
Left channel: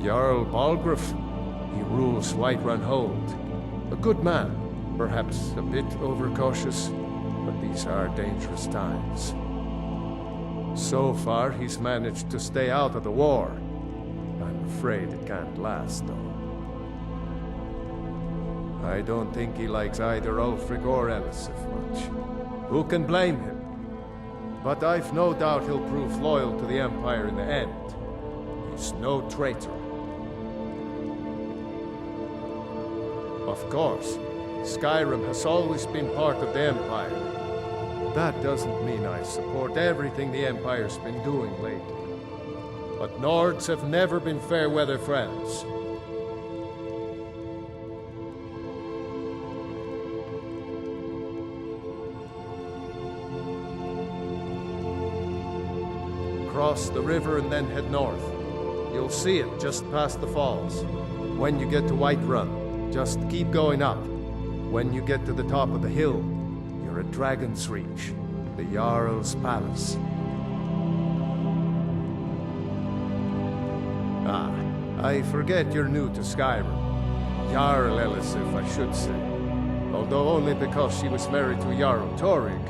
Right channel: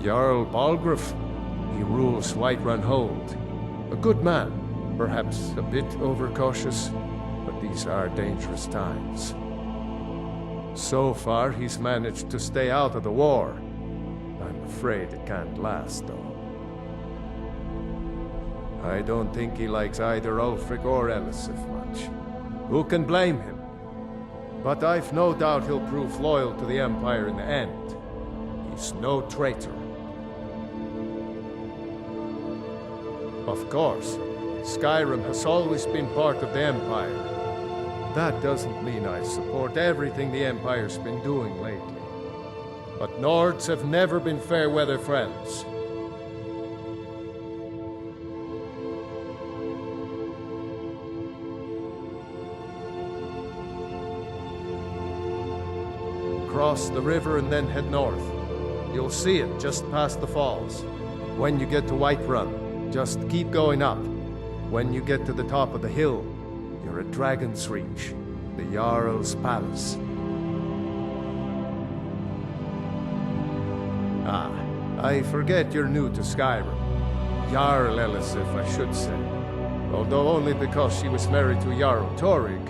Jarl Balgruuf. He rules Whiterun Hold. A good man, perhaps a bit overcautious, but these are dangerous times. So far, he's managed to stay out of the war. I'm afraid it can't last, though. I don't think he likes either Ulfric or Elisif much. Who can blame him? But I've no doubt he'll prove loyal to the Empire in the end. He's no traitor. Of course, Skyrim has always been part of the Empire. That doesn't mean I support everything the Empire's been doing lately. But Nords have never been fair-weather friends. Cross the river and then head north. You'll see it just past the falls. When you get to Whiterun, just keep going up. When you get to the top of the hill, you're at Dragon's Reach, the Jarl's Palace. Ah, I forget you're new to Skyrim. Jarl Elisif, I should say. Although only because she was married to Jarl Torygg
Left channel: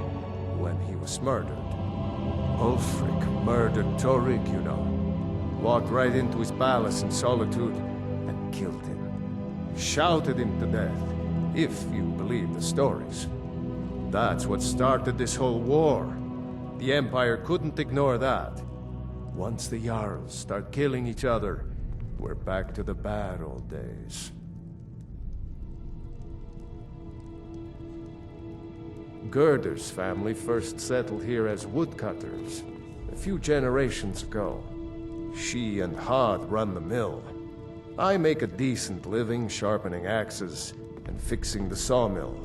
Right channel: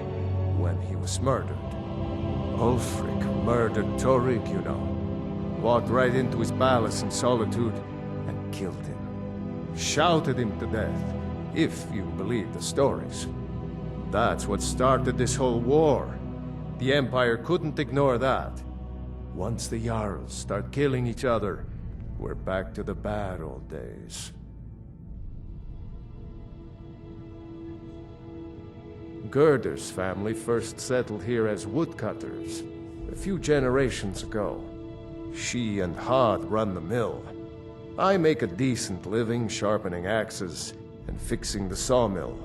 when he was murdered. Ulfric murdered Torygg, you know. Walked right into his palace in Solitude and killed him. Shouted him to death, if you believe the stories. That's what started this whole war. The Empire couldn't ignore that. Once the Jarls start killing each other, we're back to the bad old days. Gerder's family first settled here as woodcutters, a few generations ago. She and Hod run the mill. I make a decent living sharpening axes and fixing the sawmill.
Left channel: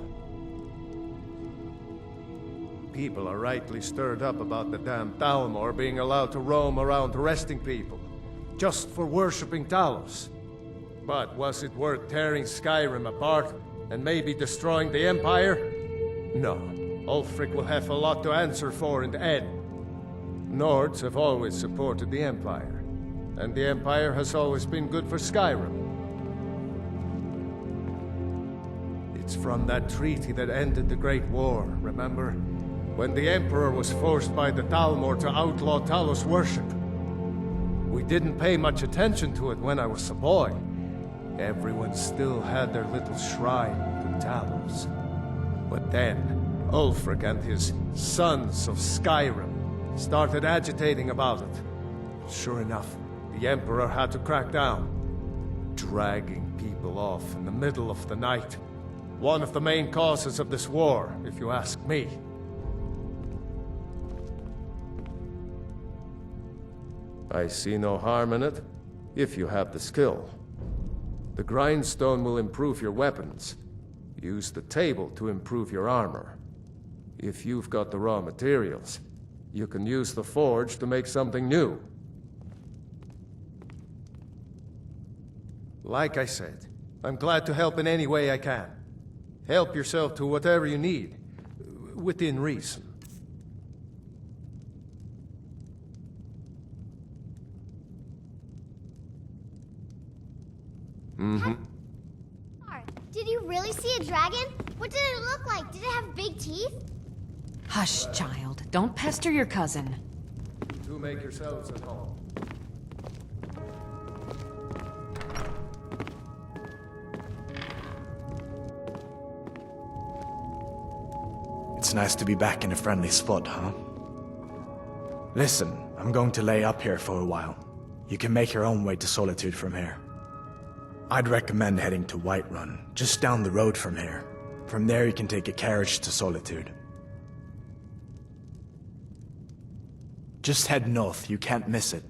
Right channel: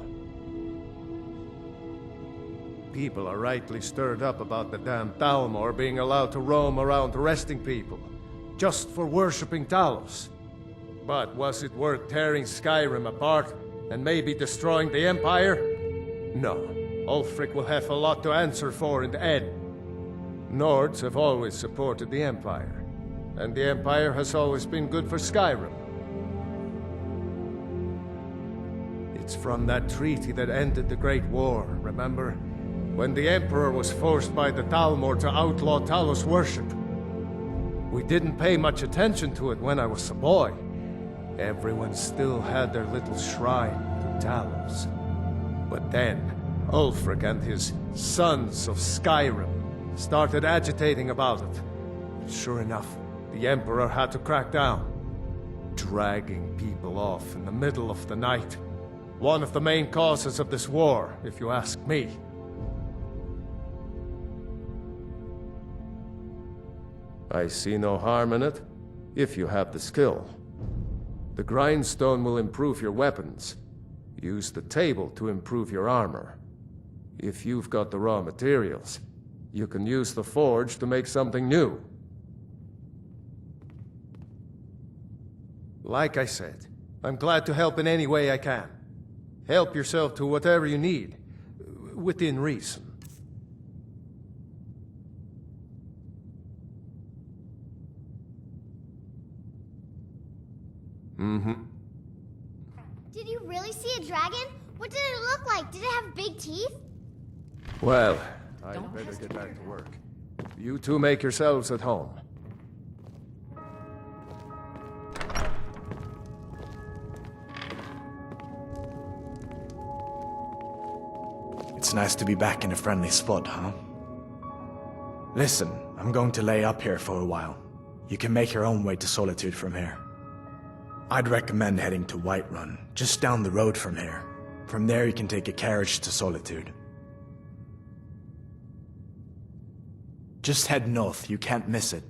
People are rightly stirred up about the damn Thalmor being allowed to roam around arresting people, just for worshipping Talos. But was it worth tearing Skyrim apart and maybe destroying the Empire? No. Ulfric will have a lot to answer for in the end. Nords have always supported the Empire, and the Empire has always been good for Skyrim. It's from that treaty that ended the Great War, remember? When the Emperor was forced by the Thalmor to outlaw Talos worship. We didn't pay much attention to it when I was a boy. Everyone still had their little shrine to Talos. But then, Ulfric and his Sons of Skyrim started agitating about it. Sure enough, the Emperor had to crack down. Dragging people off in the middle of the night. One of the main causes of this war, if you ask me. I see no harm in it, if you have the skill. The grindstone will improve your weapons. Use the table to improve your armor. If you've got the raw materials, you can use the forge to make something new. Like I said, I'm glad to help in any way I can. Help yourself to whatever you need, within reason. Mm-hmm. Did you really see a dragon? What did it look like? Did it have big teeth? Hush, Well, child. Don't pester your cousin. You two make yourselves at home. It's nice to be back in a friendly spot, huh? Listen, I'm going to lay up here for a while. You can make your own way to Solitude from here. I'd recommend heading to Whiterun, just down the road from here. From there you can take a carriage to Solitude. Just head north, you can't miss it.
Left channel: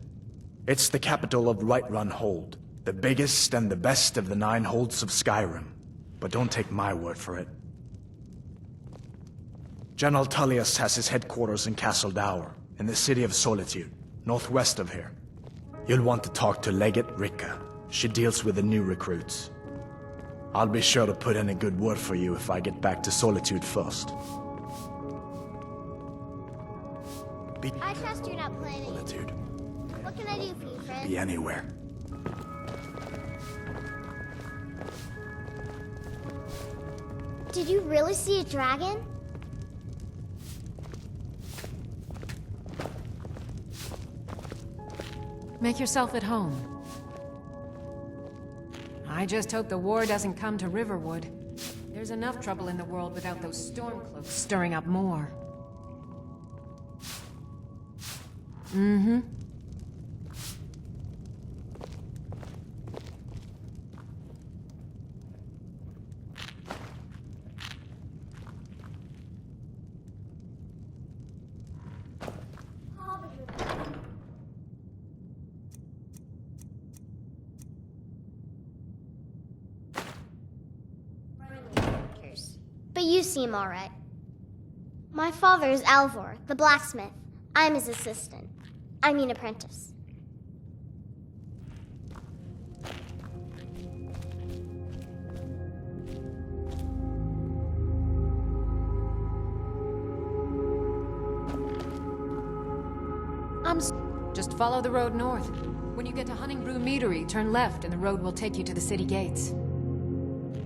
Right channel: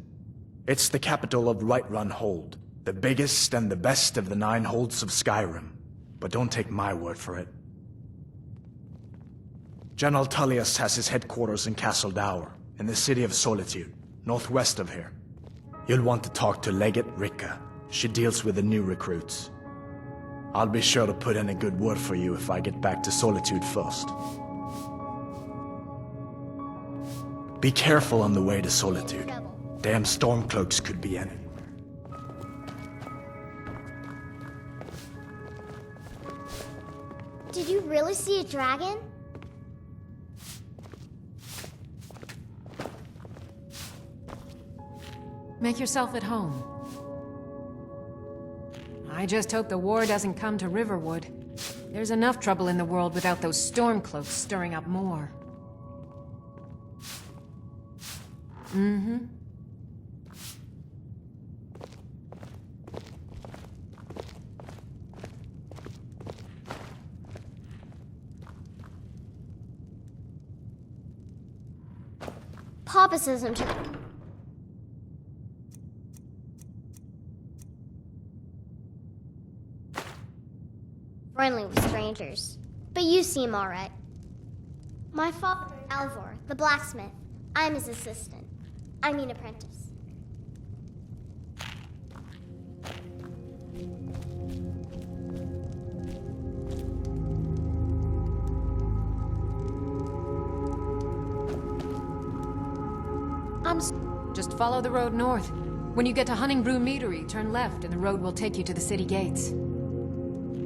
It's the capital of Whiterun Hold, the biggest and the best of the 9 holds of Skyrim. But don't take my word for it. General Tullius has his headquarters in Castle Dower, in the city of Solitude, northwest of here. You'll want to talk to Legate Ricka. She deals with the new recruits. I'll be sure to put in a good word for you if I get back to Solitude first. Be careful on the way to Solitude. Damn stormcloaks could be anywhere. Did you really see a dragon? Make yourself at home. I just hope the war doesn't come to Riverwood. There's enough trouble in the world without those stormcloaks stirring up more. Mm-hmm. Papa isn't. Friendly with strangers. But you seem alright. My father is Alvor, the blacksmith. I'm his assistant. I mean apprentice. Just follow the road north. When you get to Honningbrew Meadery, turn left and the road will take you to the city gates.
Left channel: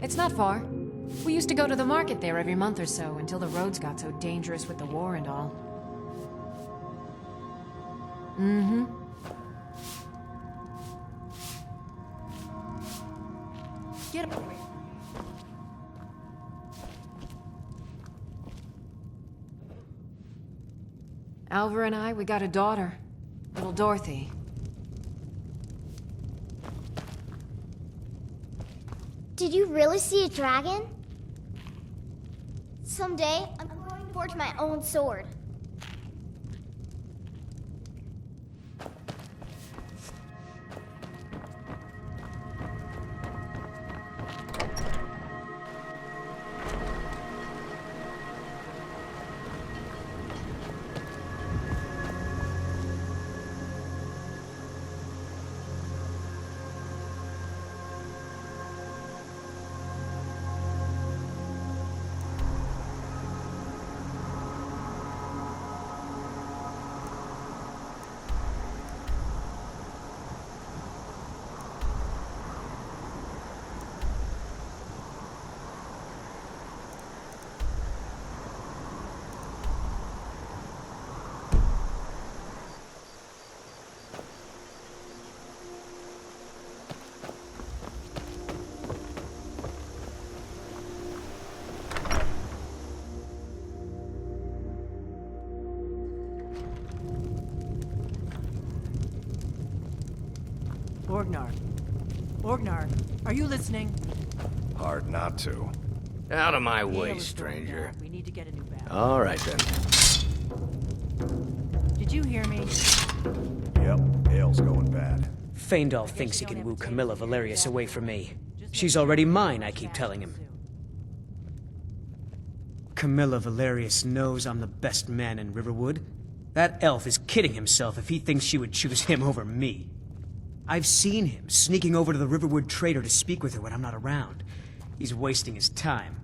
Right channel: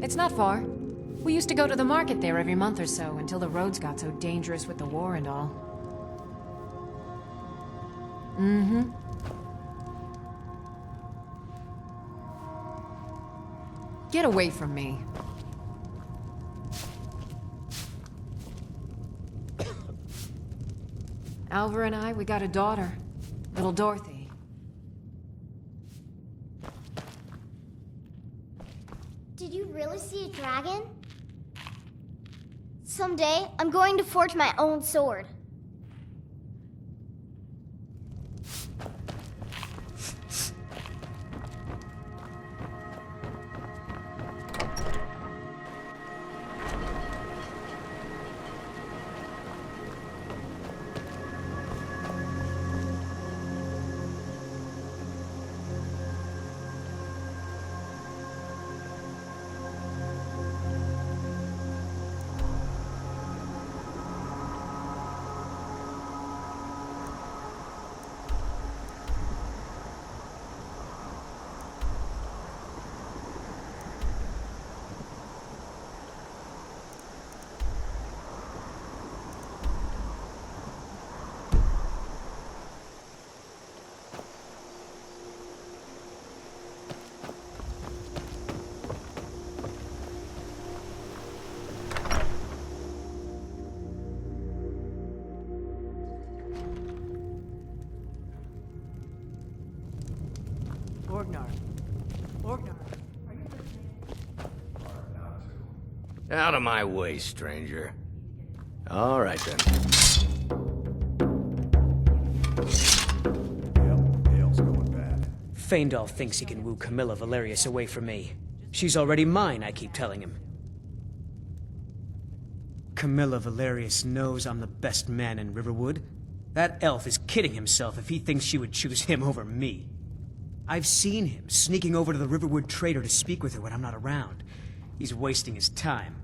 It's not far. We used to go to the market there every month or so until the roads got so dangerous with the war and all. Mm-hmm. Get away from me. Alvar and I, we got a daughter. Little Dorothy. Did you really see a dragon? Someday, I'm going to forge my own sword. Orgnar, are you listening? Hard not to. Out of my way, stranger. We need to get a new battle. All right, then. Did you hear me? Yep, Hale's going bad. Faendal thinks he can woo Camilla Valerius away from me. She's already mine, I keep telling him. Camilla Valerius knows I'm the best man in Riverwood. That elf is kidding himself if he thinks she would choose him over me. I've seen him sneaking over to the Riverwood trader to speak with her when I'm not around. He's wasting his time.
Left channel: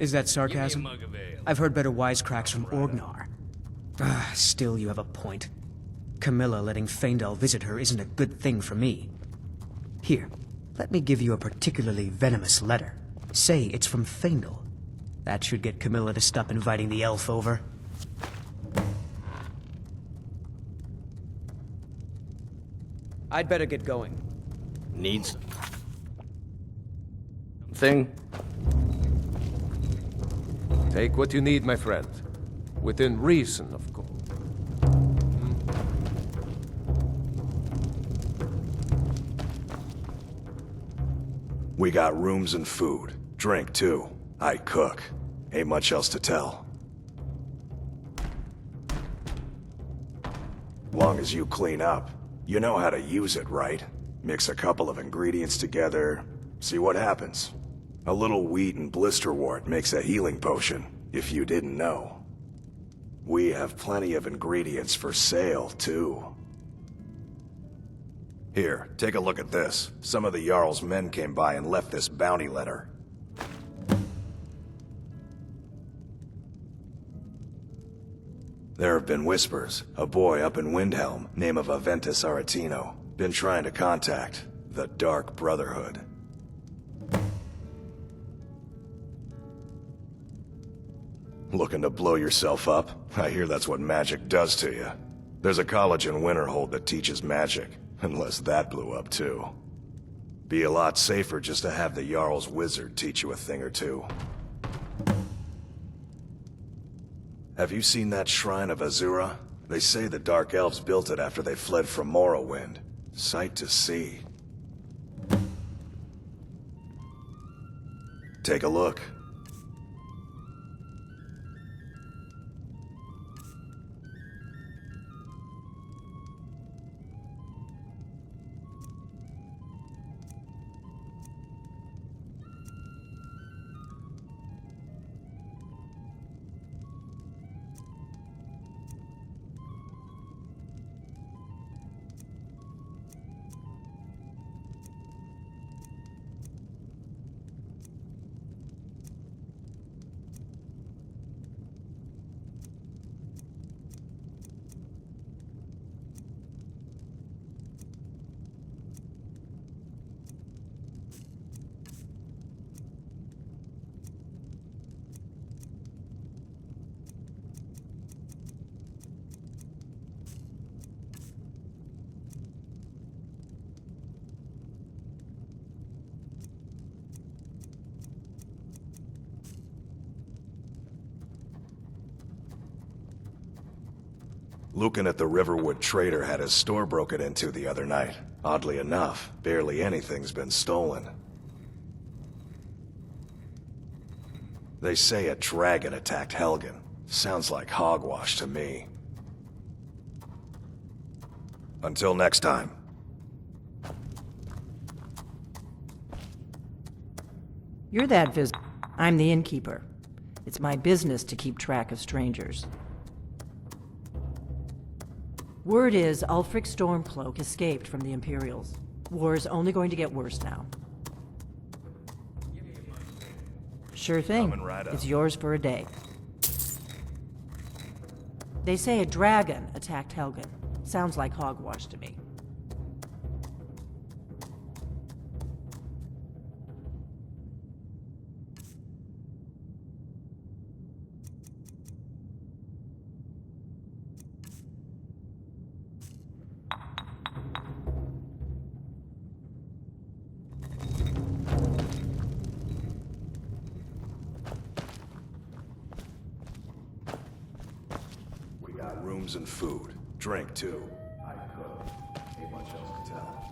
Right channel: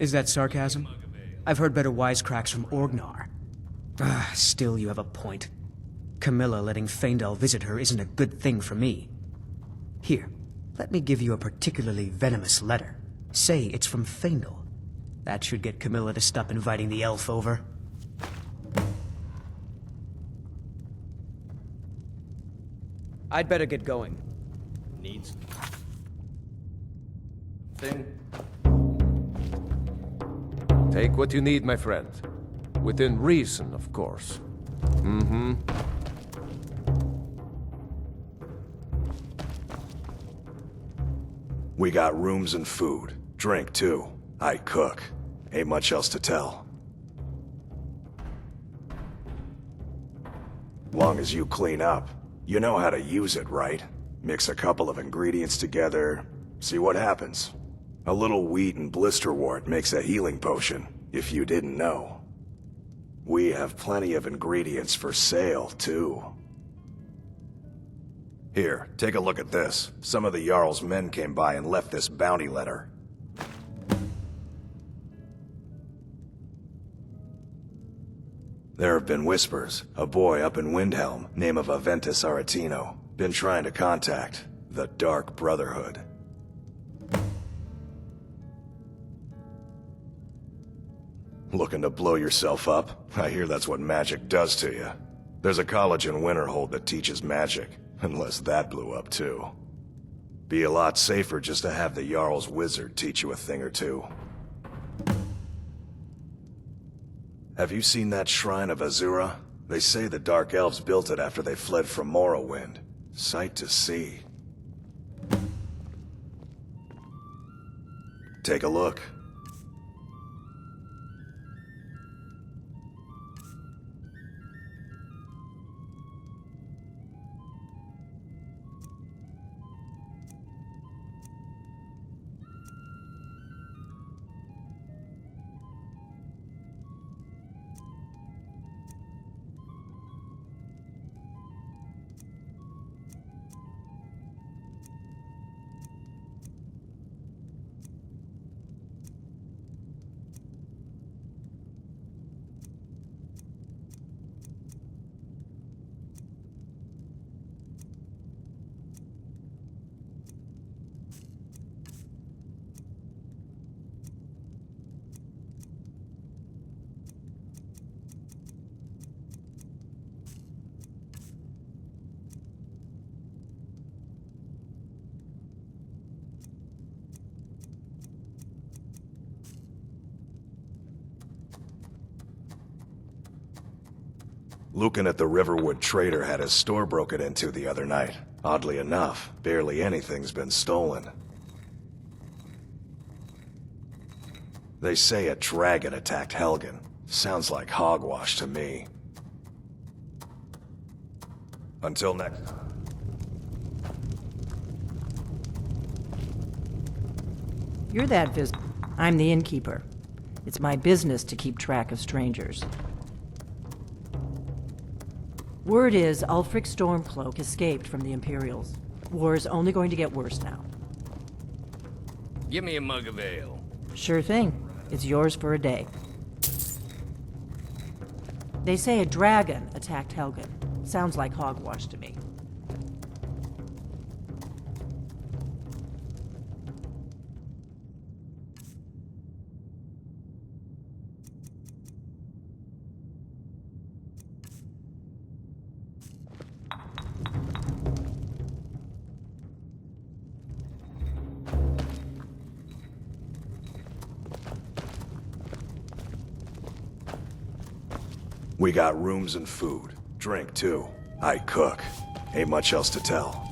Is that sarcasm? I've heard better wisecracks from Orgnar. Still, you have a point. Camilla letting Faendal visit her isn't a good thing for me. Here, let me give you a particularly venomous letter. Say it's from Faendal. That should get Camilla to stop inviting the elf over. I'd better get going. Needs thing? Take what you need, my friend. Within reason, of course. Mm-hmm. We got rooms and food. Drink, too. I cook. Ain't much else to tell. Long as you clean up. You know how to use it, right? Mix a couple of ingredients together, see what happens. A little wheat and blisterwort makes a healing potion, if you didn't know. We have plenty of ingredients for sale, too. Here, take a look at this. Some of the Jarl's men came by and left this bounty letter. There have been whispers. A boy up in Windhelm, name of Aventus Aretino, been trying to contact the Dark Brotherhood. Looking to blow yourself up? I hear that's what magic does to you. There's a college in Winterhold that teaches magic, unless that blew up too. Be a lot safer just to have the Jarl's wizard teach you a thing or two. Have you seen that shrine of Azura? They say the Dark Elves built it after they fled from Morrowind. Sight to see. Take a look. Lucan at the Riverwood Trader had his store broken into the other night. Oddly enough, barely anything's been stolen. They say a dragon attacked Helgen. Sounds like hogwash to me. Until next time. You're that I'm the innkeeper. It's my business to keep track of strangers. Word is Ulfric Stormcloak escaped from the Imperials. War's only going to get worse now. Give me a mug of ale. Sure thing. It's yours for a day. They say a dragon attacked Helgen. Sounds like hogwash to me. We got rooms and food. Drink, too. I cook. Ain't much else to tell.